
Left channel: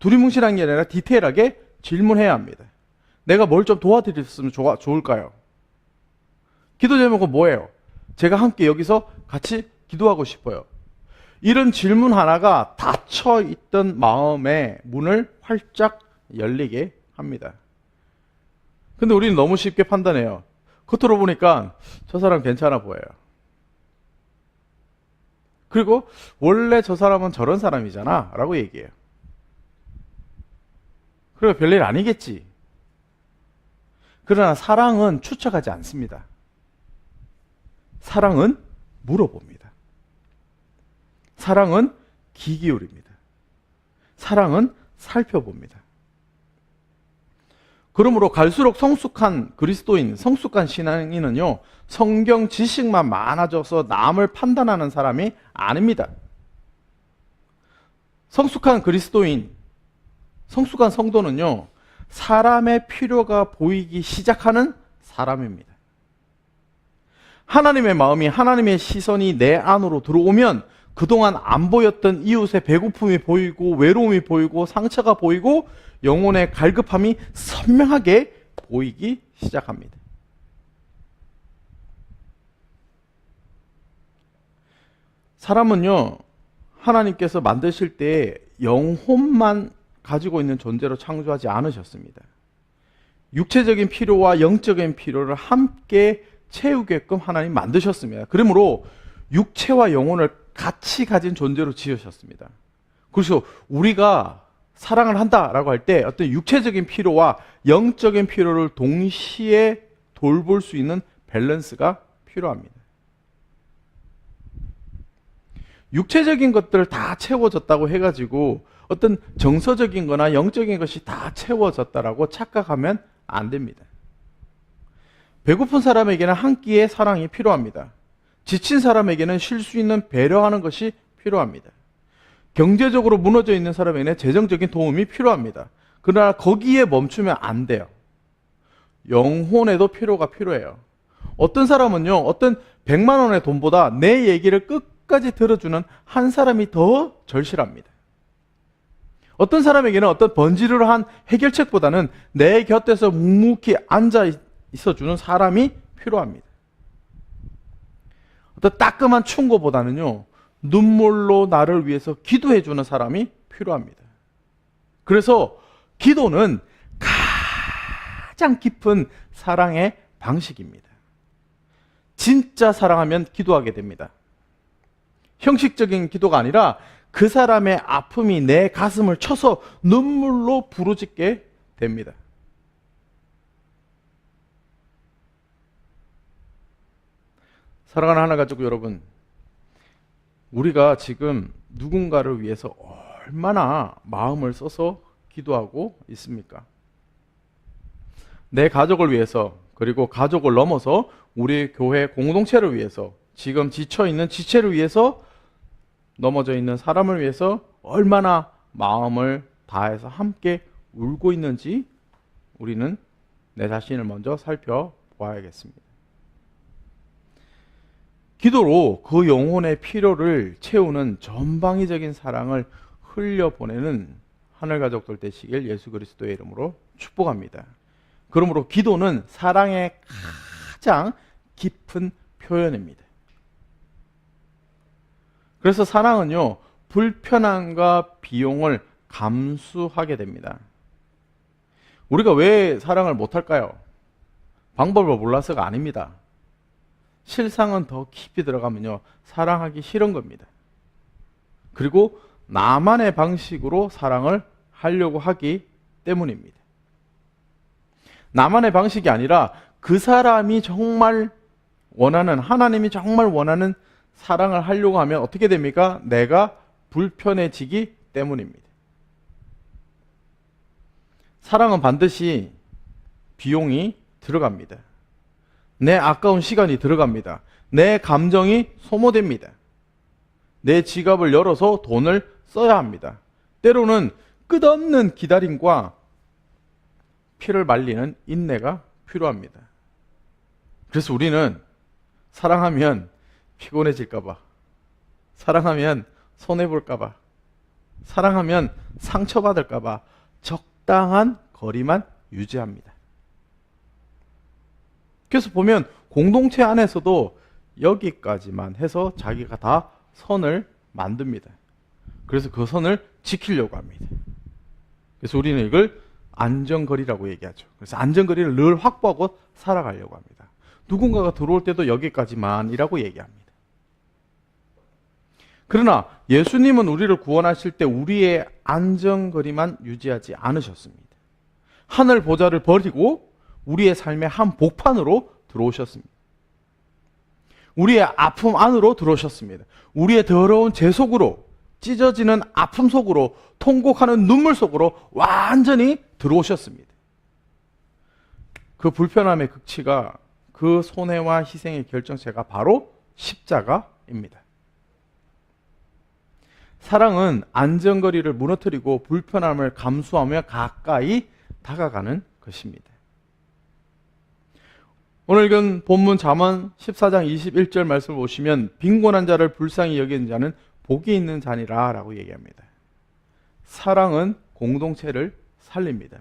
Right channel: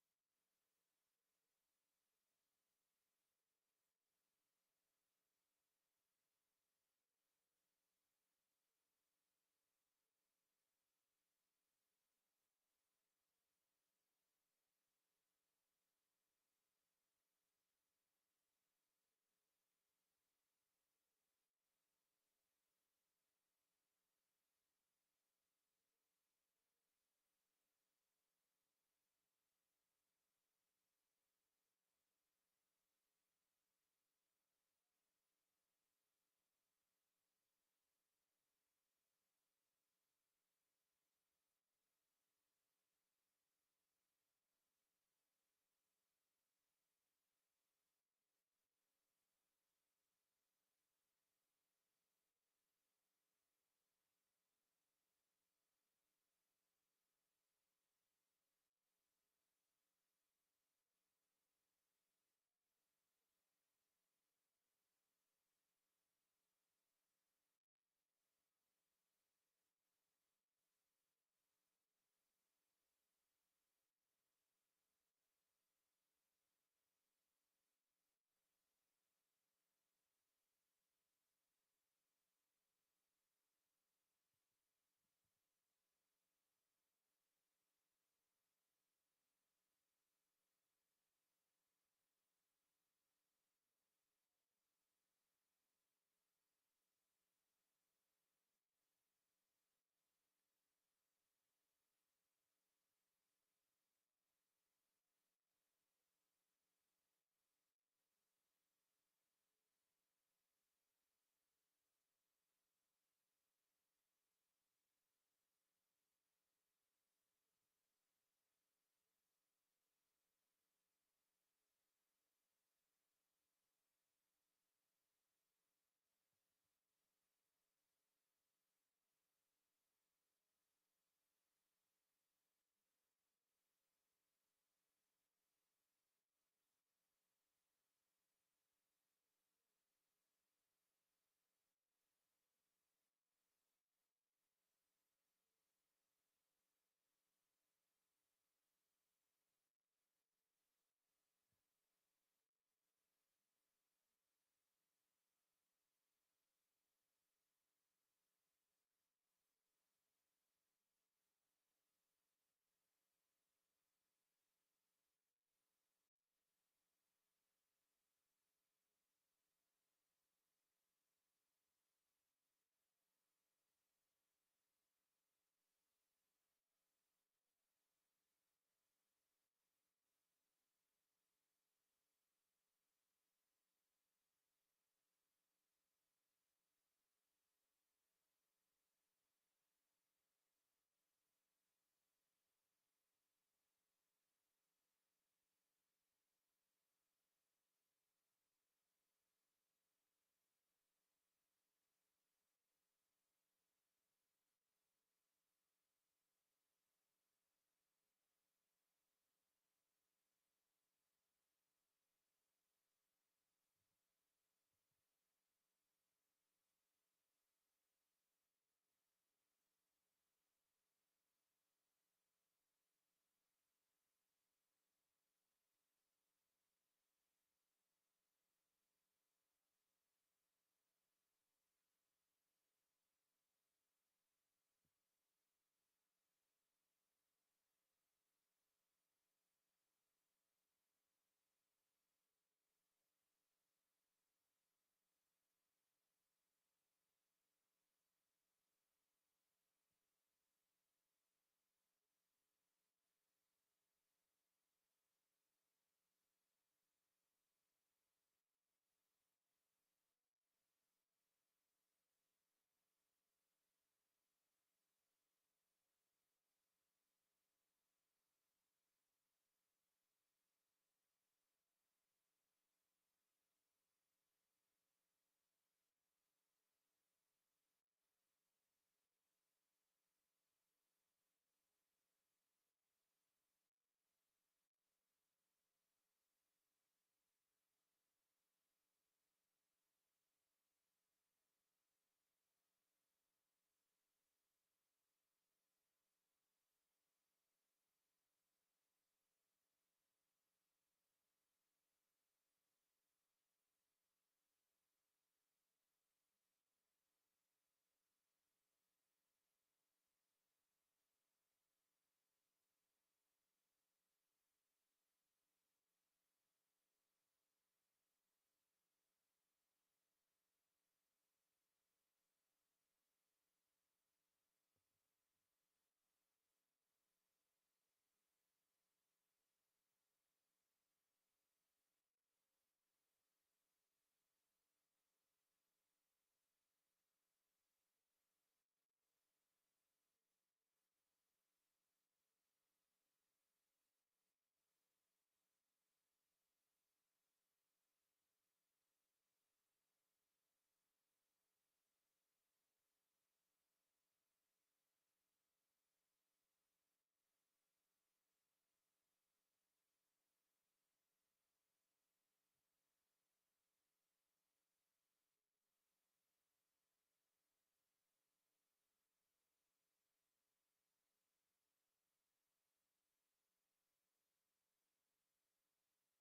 두리뭉실한 게 아니라 디테일하게 질문해야 합니다. 내가 뭘 좀 도와드렸으면 좋을까요? 기도 제목은 뭐예요? 제가 함께 여기서 같이 기도하고 싶어요. 이런 질문 하나가 닫혀있던 마음의 문을 활짝 열리게 합니다. 근데 우리는 너무 쉽게 판단해요. 겉으로 보니까 저 사람 괜찮아 보여요. 그리고 원래 저 사람은 저런 사람이잖아 라고 얘기해요. 그리고 별일 아니겠지. 그러나 사랑은 추측하지 않습니다. 사랑은 물어봅니다. 사랑은 귀 기울입니다. 사랑은 살펴봅니다. 그러므로 갈수록 성숙한 그리스도인, 성숙한 신앙인은요, 성경 지식만 많아져서 남을 판단하는 사람이 아닙니다. 성숙한 그리스도인, 성숙한 성도는요, 사람의 필요가 보이기 시작하는 사람입니다. 하나님의 마음이, 하나님의 시선이 내 안으로 들어오면 그동안 안 보였던 이웃의 배고픔이 보이고 외로움이 보이고 상처가 보이고 영혼의 갈급함이 선명하게 보이기 시작합니다. 사람은요, 하나님께서 만드실 때 영혼만 가지고 있는 존재로 창조하지 않으셨습니다. 육체적인 필요와 영적인 필요를 함께 채우게끔 하나님 만드셨습니다. 그러므로 육체와 영혼을 같이 가진 존재로 지으셨습니다. 그래서 우리가 사랑을 한다라고 할 때 어떤 육체적인 필요와 영적인 필요를 동시에 돌볼 수 있는 밸런스가 필요합니다. 육체적인 것들 다 채워졌다고 해가지고 어떤 정서적인 거나 영적인 것이 다 채워졌다라고 착각하면 안 됩니다. 배고픈 사람에게는 한 끼의 사랑이 필요합니다. 지친 사람에게는 쉴 수 있는 배려하는 것이 필요합니다. 경제적으로 무너져 있는 사람에게는 재정적인 도움이 필요합니다. 그러나 거기에 멈추면 안 돼요. 영혼에도 필요가 필요해요. 어떤 사람은요, 어떤 100만 원의 돈보다 내 얘기를 끝까지 들어주는 한 사람이 더 절실합니다. 어떤 사람에게는 어떤 번지르르한 해결책보다는 내 곁에서 묵묵히 앉아 있어주는 사람이 필요합니다. 어떤 따끔한 충고보다는요, 눈물로 나를 위해서 기도해주는 사람이 필요합니다. 그래서 기도는 가장 깊은 사랑의 방식입니다. 진짜 사랑하면 기도하게 됩니다. 형식적인 기도가 아니라 그 사람의 아픔이 내 가슴을 쳐서 눈물로 부르짖게 됩니다. 사랑하는 하나가족 여러분, 우리가 지금 누군가를 위해서 얼마나 마음을 써서 기도하고 있습니까? 내 가족을 위해서, 그리고 가족을 넘어서 우리 교회 공동체를 위해서, 지금 지쳐있는 지체를 위해서, 넘어져 있는 사람을 위해서 얼마나 마음을 다해서 함께 울고 있는지 우리는 내 자신을 먼저 살펴보아야겠습니다. 기도로 그 영혼의 필요를 채우는 전방위적인 사랑을 흘려보내는 하늘가족들 되시길 예수 그리스도의 이름으로 축복합니다. 그러므로 기도는 사랑의 가장 깊은 표현입니다. 그래서 사랑은요, 불편함과 비용을 감수하게 됩니다. 우리가 왜 사랑을 못할까요? 방법을 몰라서가 아닙니다. 실상은 더 깊이 들어가면요, 사랑하기 싫은 겁니다. 그리고 나만의 방식으로 사랑을 하려고 하기 때문입니다. 나만의 방식이 아니라 그 사람이 정말 원하는, 하나님이 정말 원하는 사랑을 하려고 하면 어떻게 됩니까? 내가 불편해지기 때문입니다. 사랑은 반드시 비용이 들어갑니다. 내 아까운 시간이 들어갑니다. 내 감정이 소모됩니다. 내 지갑을 열어서 돈을 써야 합니다. 때로는 끝없는 기다림과 피를 말리는 인내가 필요합니다. 그래서 우리는 사랑하면 피곤해질까봐, 사랑하면 손해볼까봐, 사랑하면 상처받을까봐 적당한 거리만 유지합니다. 그래서 보면 공동체 안에서도 여기까지만 해서 자기가 다 선을 만듭니다. 그래서 그 선을 지키려고 합니다. 그래서 우리는 이걸 안전거리라고 얘기하죠. 그래서 안전거리를 늘 확보하고 살아가려고 합니다. 누군가가 들어올 때도 여기까지만이라고 얘기합니다. 그러나 예수님은 우리를 구원하실 때 우리의 안전거리만 유지하지 않으셨습니다. 하늘 보좌를 버리고 우리의 삶의 한 복판으로 들어오셨습니다. 우리의 아픔 안으로 들어오셨습니다. 우리의 더러운 죄 속으로, 찢어지는 아픔 속으로, 통곡하는 눈물 속으로 완전히 들어오셨습니다. 그 불편함의 극치가, 그 손해와 희생의 결정체가 바로 십자가입니다. 사랑은 안전거리를 무너뜨리고 불편함을 감수하며 가까이 다가가는 것입니다. 오늘 읽은 본문 잠언 14장 21절 말씀을 보시면 빈곤한 자를 불쌍히 여기는 자는 복이 있는 자니라 라고 얘기합니다. 사랑은 공동체를 살립니다.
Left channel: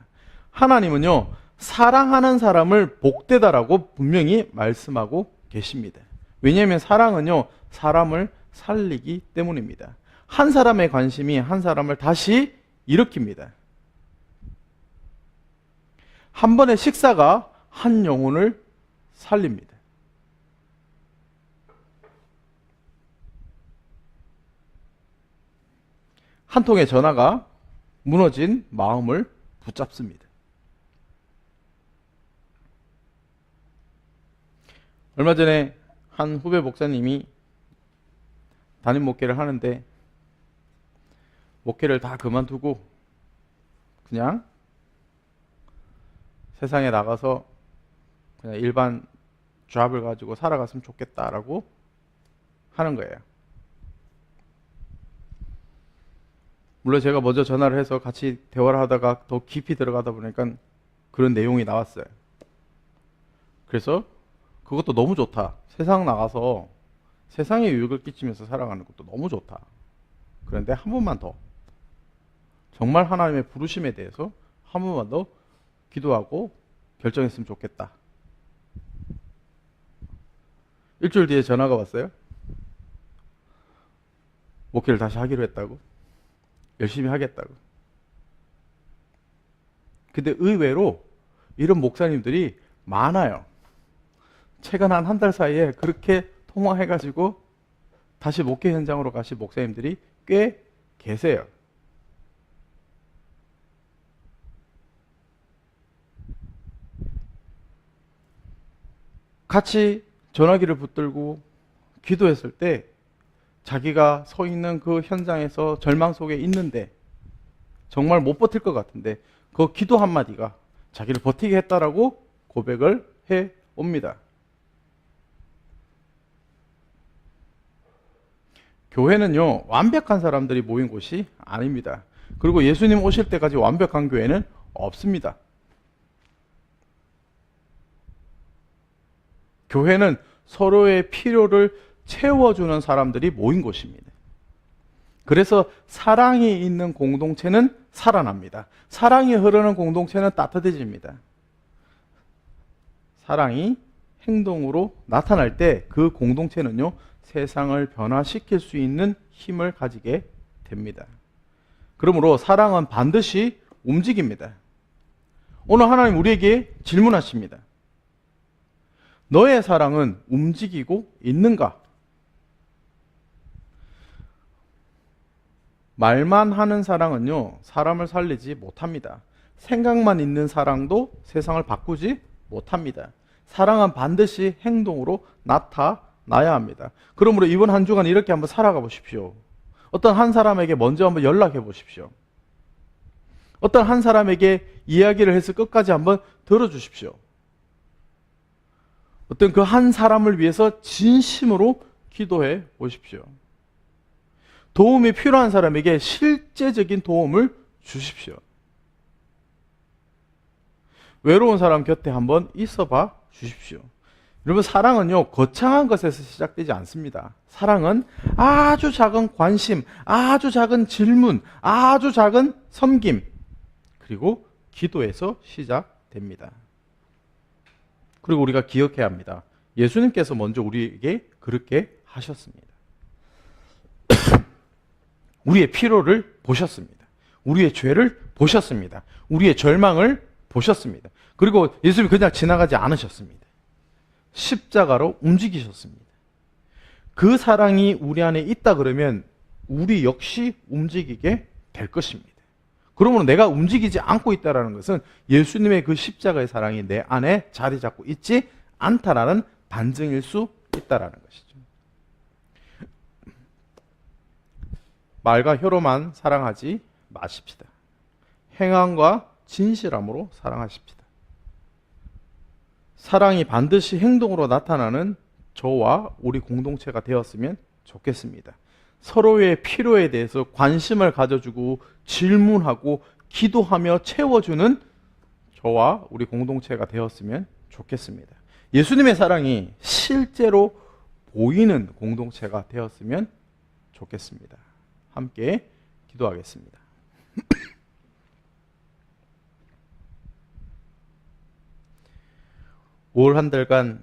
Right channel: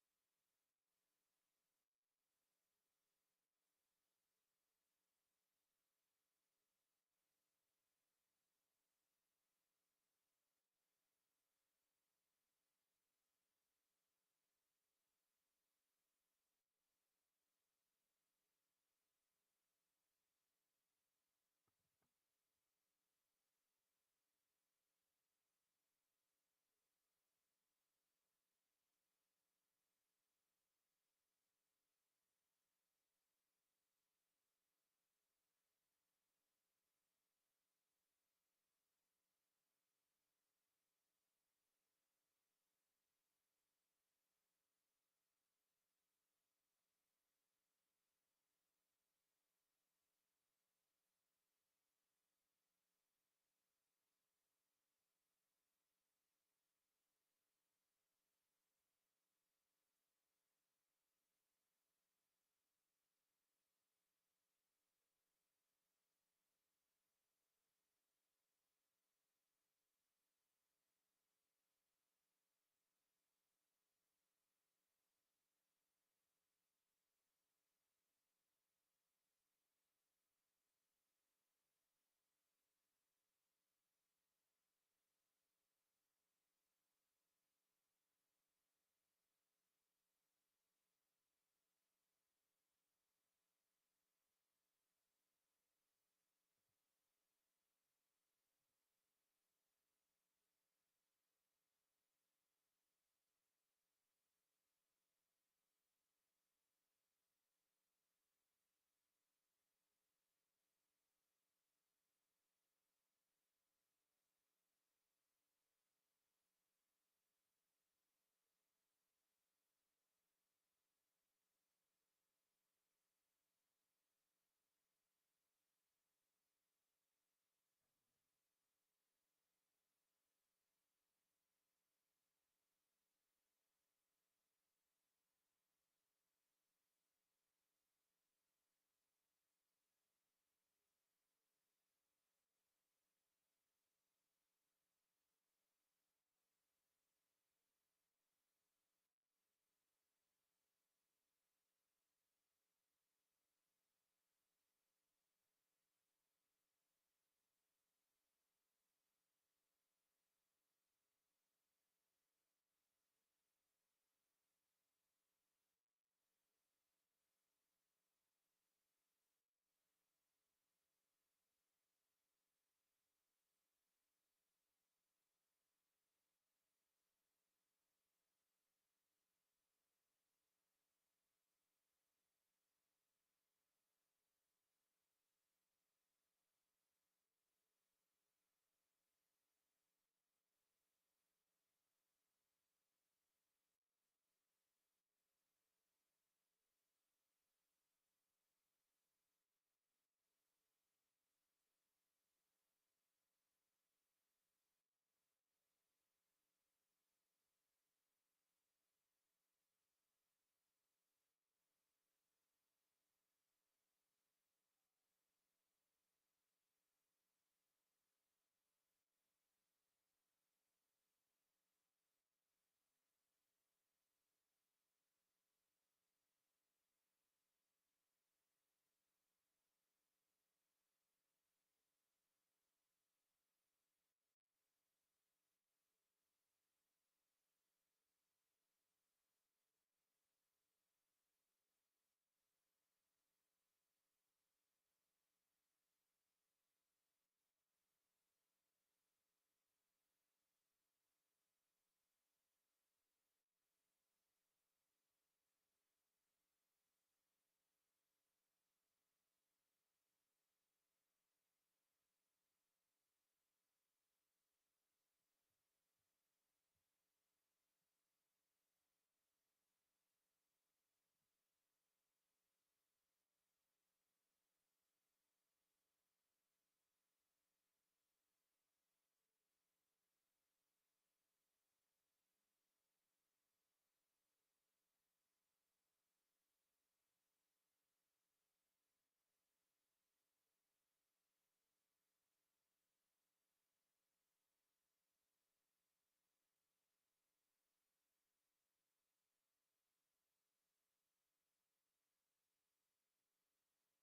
하나님은요, 사랑하는 사람을 복되다라고 분명히 말씀하고 계십니다. 왜냐하면 사랑은요, 사람을 살리기 때문입니다. 한 사람의 관심이 한 사람을 다시 일으킵니다. 한 번의 식사가 한 영혼을 살립니다. 한 통의 전화가 무너진 마음을 붙잡습니다. 얼마 전에 한 후배 목사님이 담임 목회를 하는데 목회를 다 그만두고 그냥 세상에 나가서 그냥 일반 잡을 가지고 살아갔으면 좋겠다라고 하는 거예요. 물론 제가 먼저 전화를 해서 같이 대화를 하다가 더 깊이 들어가다 보니까 그런 내용이 나왔어요. 그래서 그것도 너무 좋다. 세상 나가서 세상에 유익을 끼치면서 살아가는 것도 너무 좋다. 그런데 한 번만 더 정말 하나님의 부르심에 대해서 한 번만 더 기도하고 결정했으면 좋겠다. 일주일 뒤에 전화가 왔어요. 목회를 다시 하기로 했다고. 열심히 하겠다고. 근데 의외로 이런 목사님들이 많아요. 최근 한 달 사이에 그렇게 통화해가지고 다시 목회 현장으로 가신 목사님들이 꽤 계세요. 같이 전화기를 붙들고 기도했을 때 자기가 서 있는 그 현장에서 절망 속에 있는데 정말 못 버틸 것 같은데 그 기도 한마디가 자기를 버티게 했다라고 고백을 해 옵니다. 교회는요, 완벽한 사람들이 모인 곳이 아닙니다. 그리고 예수님 오실 때까지 완벽한 교회는 없습니다. 교회는 서로의 필요를 채워주는 사람들이 모인 곳입니다. 그래서 사랑이 있는 공동체는 살아납니다. 사랑이 흐르는 공동체는 따뜻해집니다. 사랑이 행동으로 나타날 때 그 공동체는요, 세상을 변화시킬 수 있는 힘을 가지게 됩니다. 그러므로 사랑은 반드시 움직입니다. 오늘 하나님 우리에게 질문하십니다. 너의 사랑은 움직이고 있는가? 말만 하는 사랑은요, 사람을 살리지 못합니다. 생각만 있는 사랑도 세상을 바꾸지 못합니다. 사랑은 반드시 행동으로 나타나야 합니다. 그러므로 이번 한 주간 이렇게 한번 살아가 보십시오. 어떤 한 사람에게 먼저 한번 연락해 보십시오. 어떤 한 사람에게 이야기를 해서 끝까지 한번 들어주십시오. 어떤 그 한 사람을 위해서 진심으로 기도해 보십시오. 도움이 필요한 사람에게 실제적인 도움을 주십시오. 외로운 사람 곁에 한번 있어 봐 주십시오. 여러분, 사랑은요, 거창한 것에서 시작되지 않습니다. 사랑은 아주 작은 관심, 아주 작은 질문, 아주 작은 섬김, 그리고 기도에서 시작됩니다. 그리고 우리가 기억해야 합니다. 예수님께서 먼저 우리에게 그렇게 하셨습니다. 우리의 필요를 보셨습니다. 우리의 죄를 보셨습니다. 우리의 절망을 보셨습니다. 그리고 예수님이 그냥 지나가지 않으셨습니다. 십자가로 움직이셨습니다. 그 사랑이 우리 안에 있다 그러면 우리 역시 움직이게 될 것입니다. 그러므로 내가 움직이지 않고 있다는 것은 예수님의 그 십자가의 사랑이 내 안에 자리 잡고 있지 않다라는 반증일 수 있다는 것이죠. 말과 혀로만 사랑하지 마십시다. 행함과 진실함으로 사랑하십시다. 사랑이 반드시 행동으로 나타나는 저와 우리 공동체가 되었으면 좋겠습니다. 서로의 필요에 대해서 관심을 가져주고 질문하고 기도하며 채워주는 저와 우리 공동체가 되었으면 좋겠습니다. 예수님의 사랑이 실제로 보이는 공동체가 되었으면 좋겠습니다. 함께 기도하겠습니다. 올 한 달간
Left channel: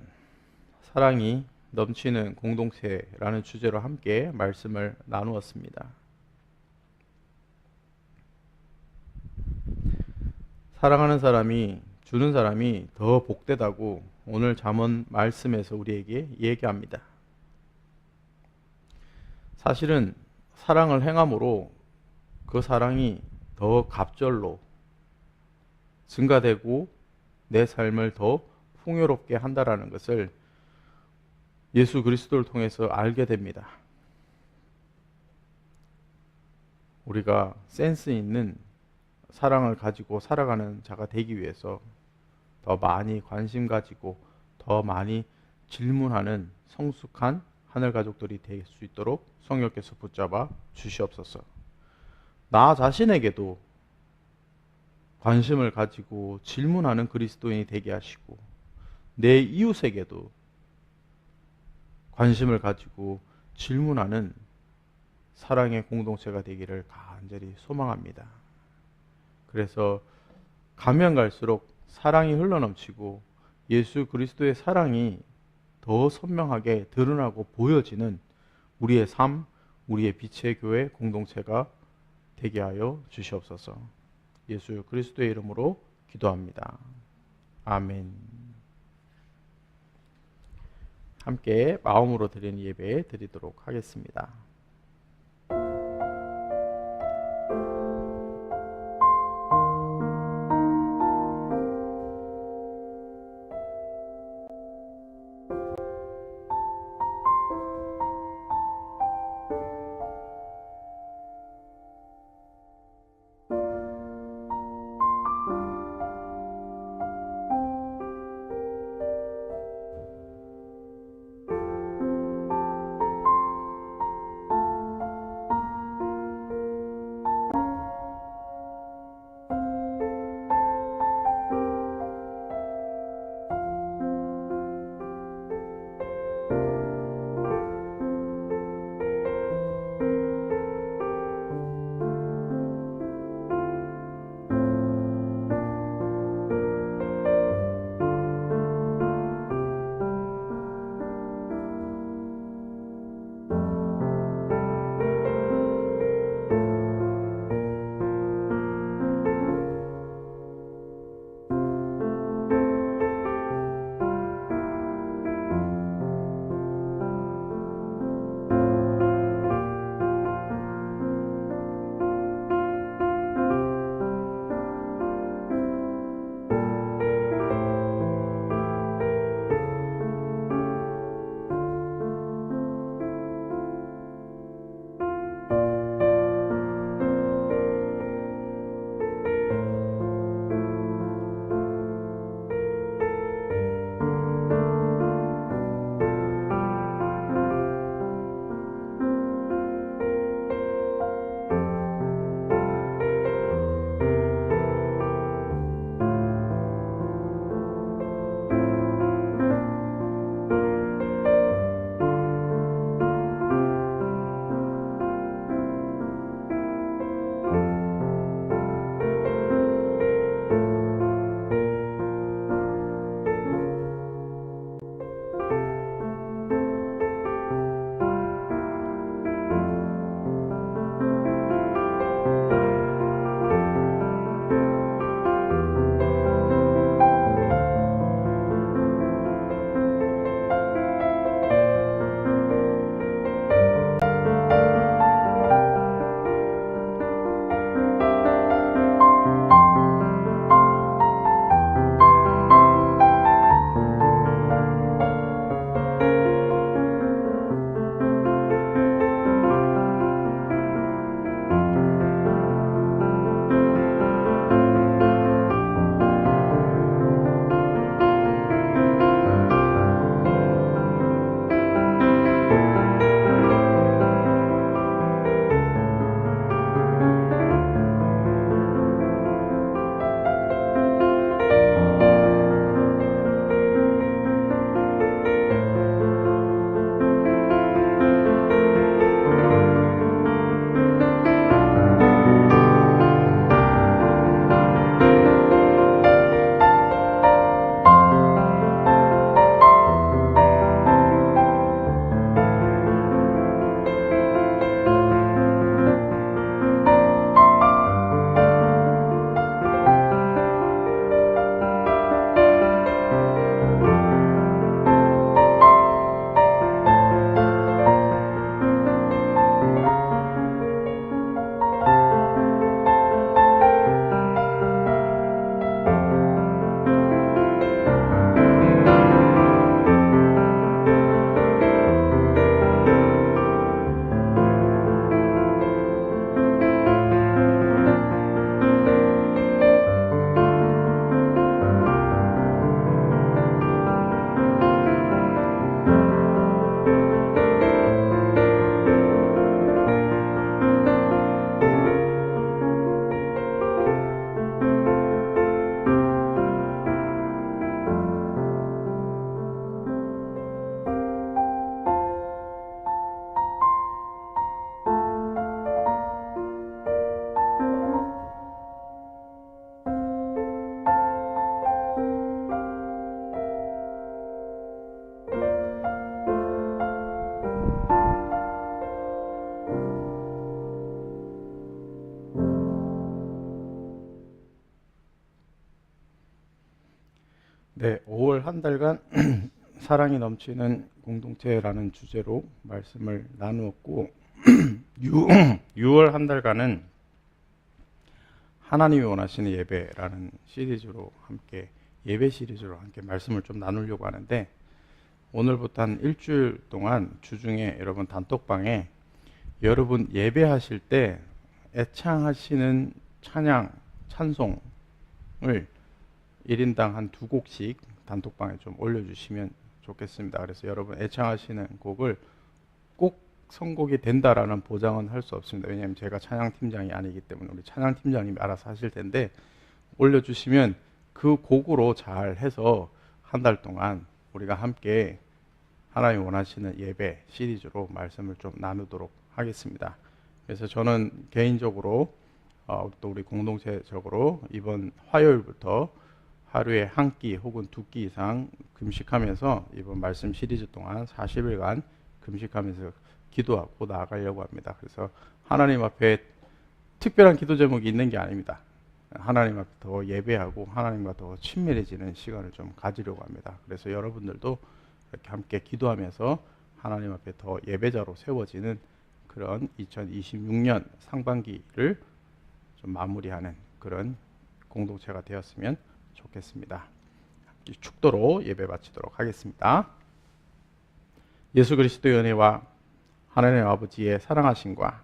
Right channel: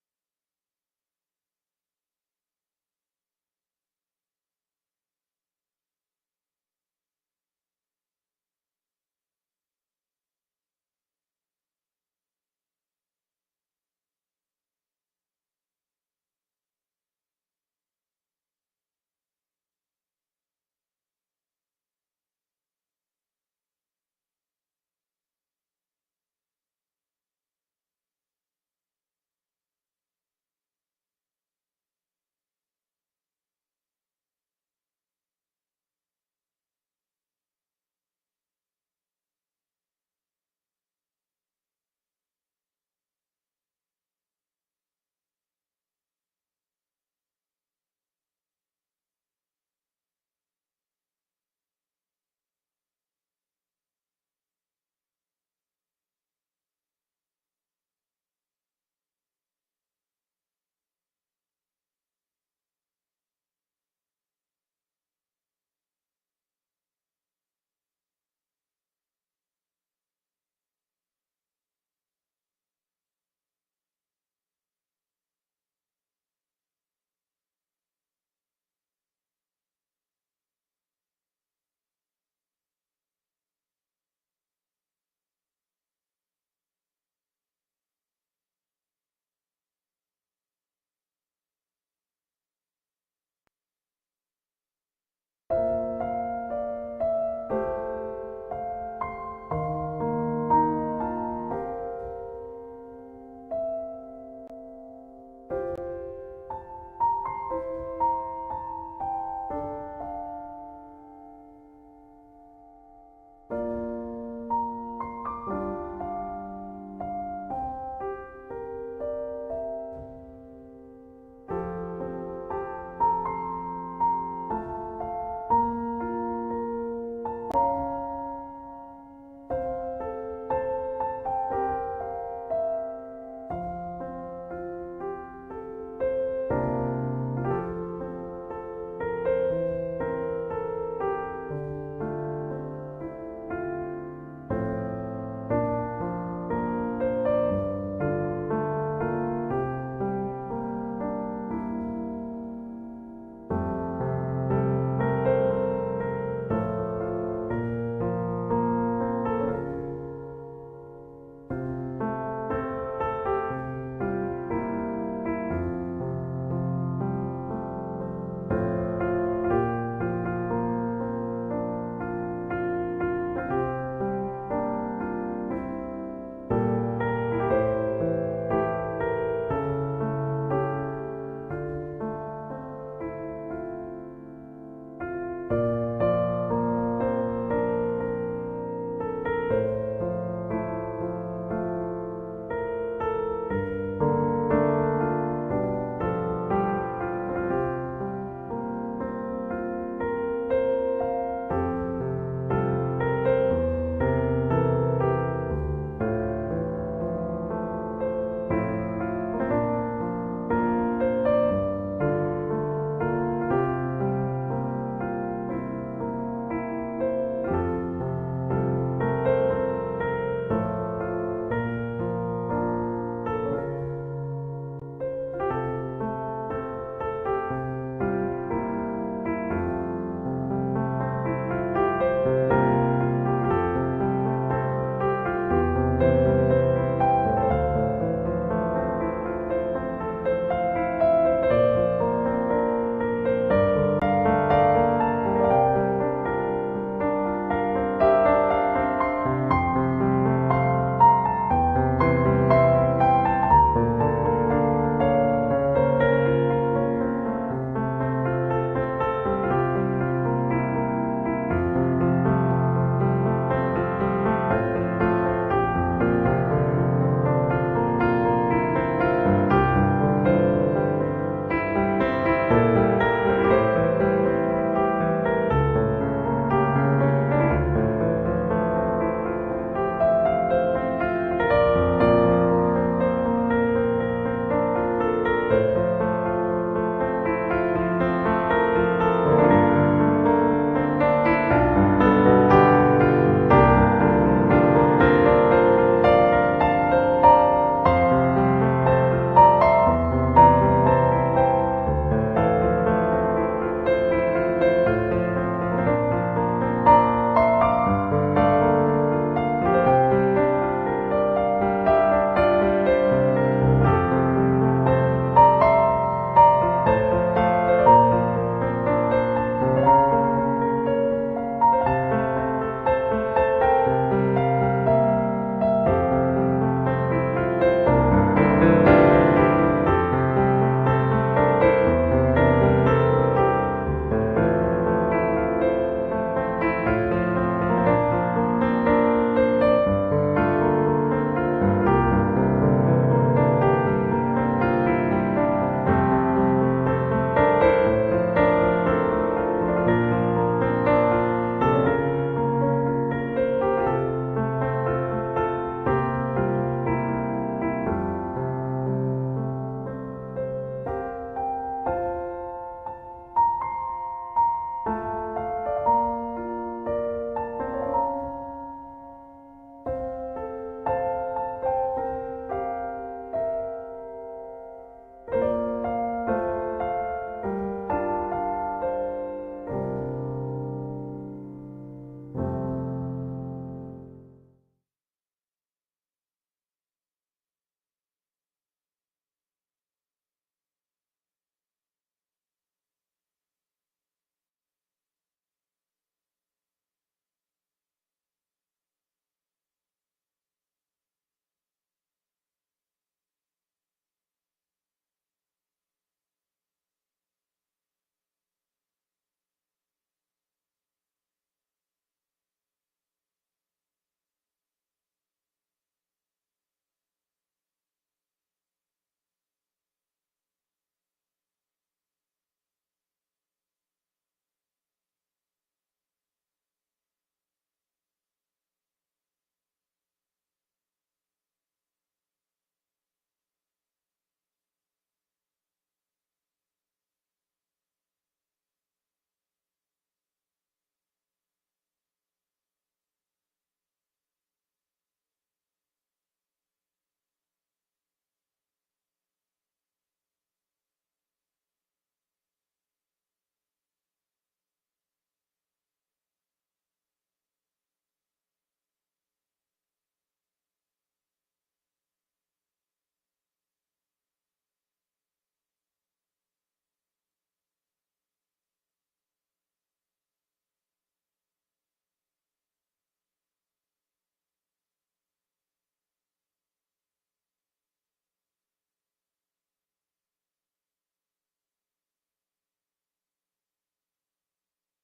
사랑이 넘치는 공동체라는 주제로 함께 말씀을 나누었습니다. 사랑하는 사람이 주는 사람이 더 복되다고 오늘 잠언 말씀에서 우리에게 얘기합니다. 사실은 사랑을 행함으로 그 사랑이 더 갑절로 증가되고 내 삶을 더 풍요롭게 한다라는 것을 예수 그리스도를 통해서 알게 됩니다. 우리가 센스 있는 사랑을 가지고 살아가는 자가 되기 위해서 더 많이 관심 가지고 더 많이 질문하는 성숙한 하늘 가족들이 될 수 있도록 성령께서 붙잡아 주시옵소서. 나 자신에게도 관심을 가지고 질문하는 그리스도인이 되게 하시고 내 이웃에게도 관심을 가지고 질문하는 사랑의 공동체가 되기를 간절히 소망합니다. 그래서 가면 갈수록 사랑이 흘러넘치고 예수 그리스도의 사랑이 더 선명하게 드러나고 보여지는 우리의 삶, 우리의 빛의 교회 공동체가 되게 하여 주시옵소서. 예수 그리스도의 이름으로 기도합니다. 아멘. 함께 마음으로 드리는 예배 드리도록 하겠습니다. 사랑이 넘치는 공동체라는 주제로 말씀을 나누었고 6월 한 달간은 하나님이 원하시는 예배라는 시리즈로 함께 예배 시리즈로 함께 말씀을 좀 나누려고 하는데 오늘부터 한 일주일 동안 주중에 여러분 단톡방에 여러분 예배하실 때 애창하시는 찬양, 찬송을 1인당 한 2곡씩 단톡방에 좀 올려주시면 좋겠습니다. 그래서 여러분 애창하시는 곡을 꼭 선곡이 된다라는 보장은 할 수 없습니다. 왜냐하면 제가 찬양팀장이 아니기 때문에 우리 찬양팀장님이 알아서 하실 텐데 올려주시면 그 곡으로 잘 해서 한 달 동안 우리가 함께 하나님 원하시는 예배 시리즈로 말씀을 좀 나누도록 하겠습니다. 그래서 저는 개인적으로 또 우리 공동체적으로 이번 화요일부터 하루에 한 끼 혹은 2끼 이상 금식하면서 이번 말씀 시리즈 동안 40일간 금식하면서 기도하고 나아가려고 합니다. 그래서 하나님 앞에 특별한 기도 제목이 있는 게 아닙니다. 하나님 앞에 더 예배하고 하나님과 더 친밀해지는 시간을 좀 가지려고 합니다. 그래서 여러분들도 이렇게 함께 기도하면서 하나님 앞에 더 예배자로 세워지는 그런 2026년 상반기를 좀 마무리하는 그런 공동체가 되었으면 좋겠습니다. 축도로 예배 바치도록 하겠습니다. 예수 그리스도의 은혜와 하나님 아버지의 사랑하심과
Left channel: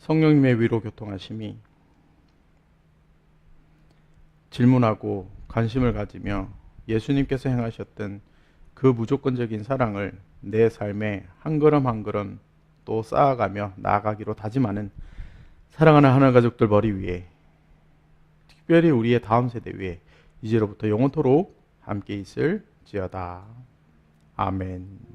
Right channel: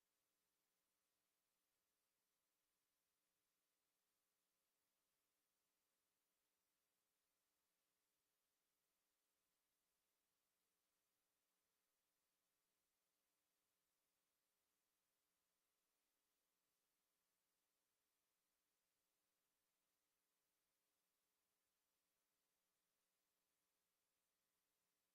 성령님의 위로 교통하심이 질문하고 관심을 가지며 예수님께서 행하셨던 그 무조건적인 사랑을 내 삶에 한 걸음 한 걸음 또 쌓아가며 나아가기로 다짐하는 사랑하는 하나님 가족들 머리 위에 특별히 우리의 다음 세대 위에 이제로부터 영원토록 함께 있을지어다. 아멘.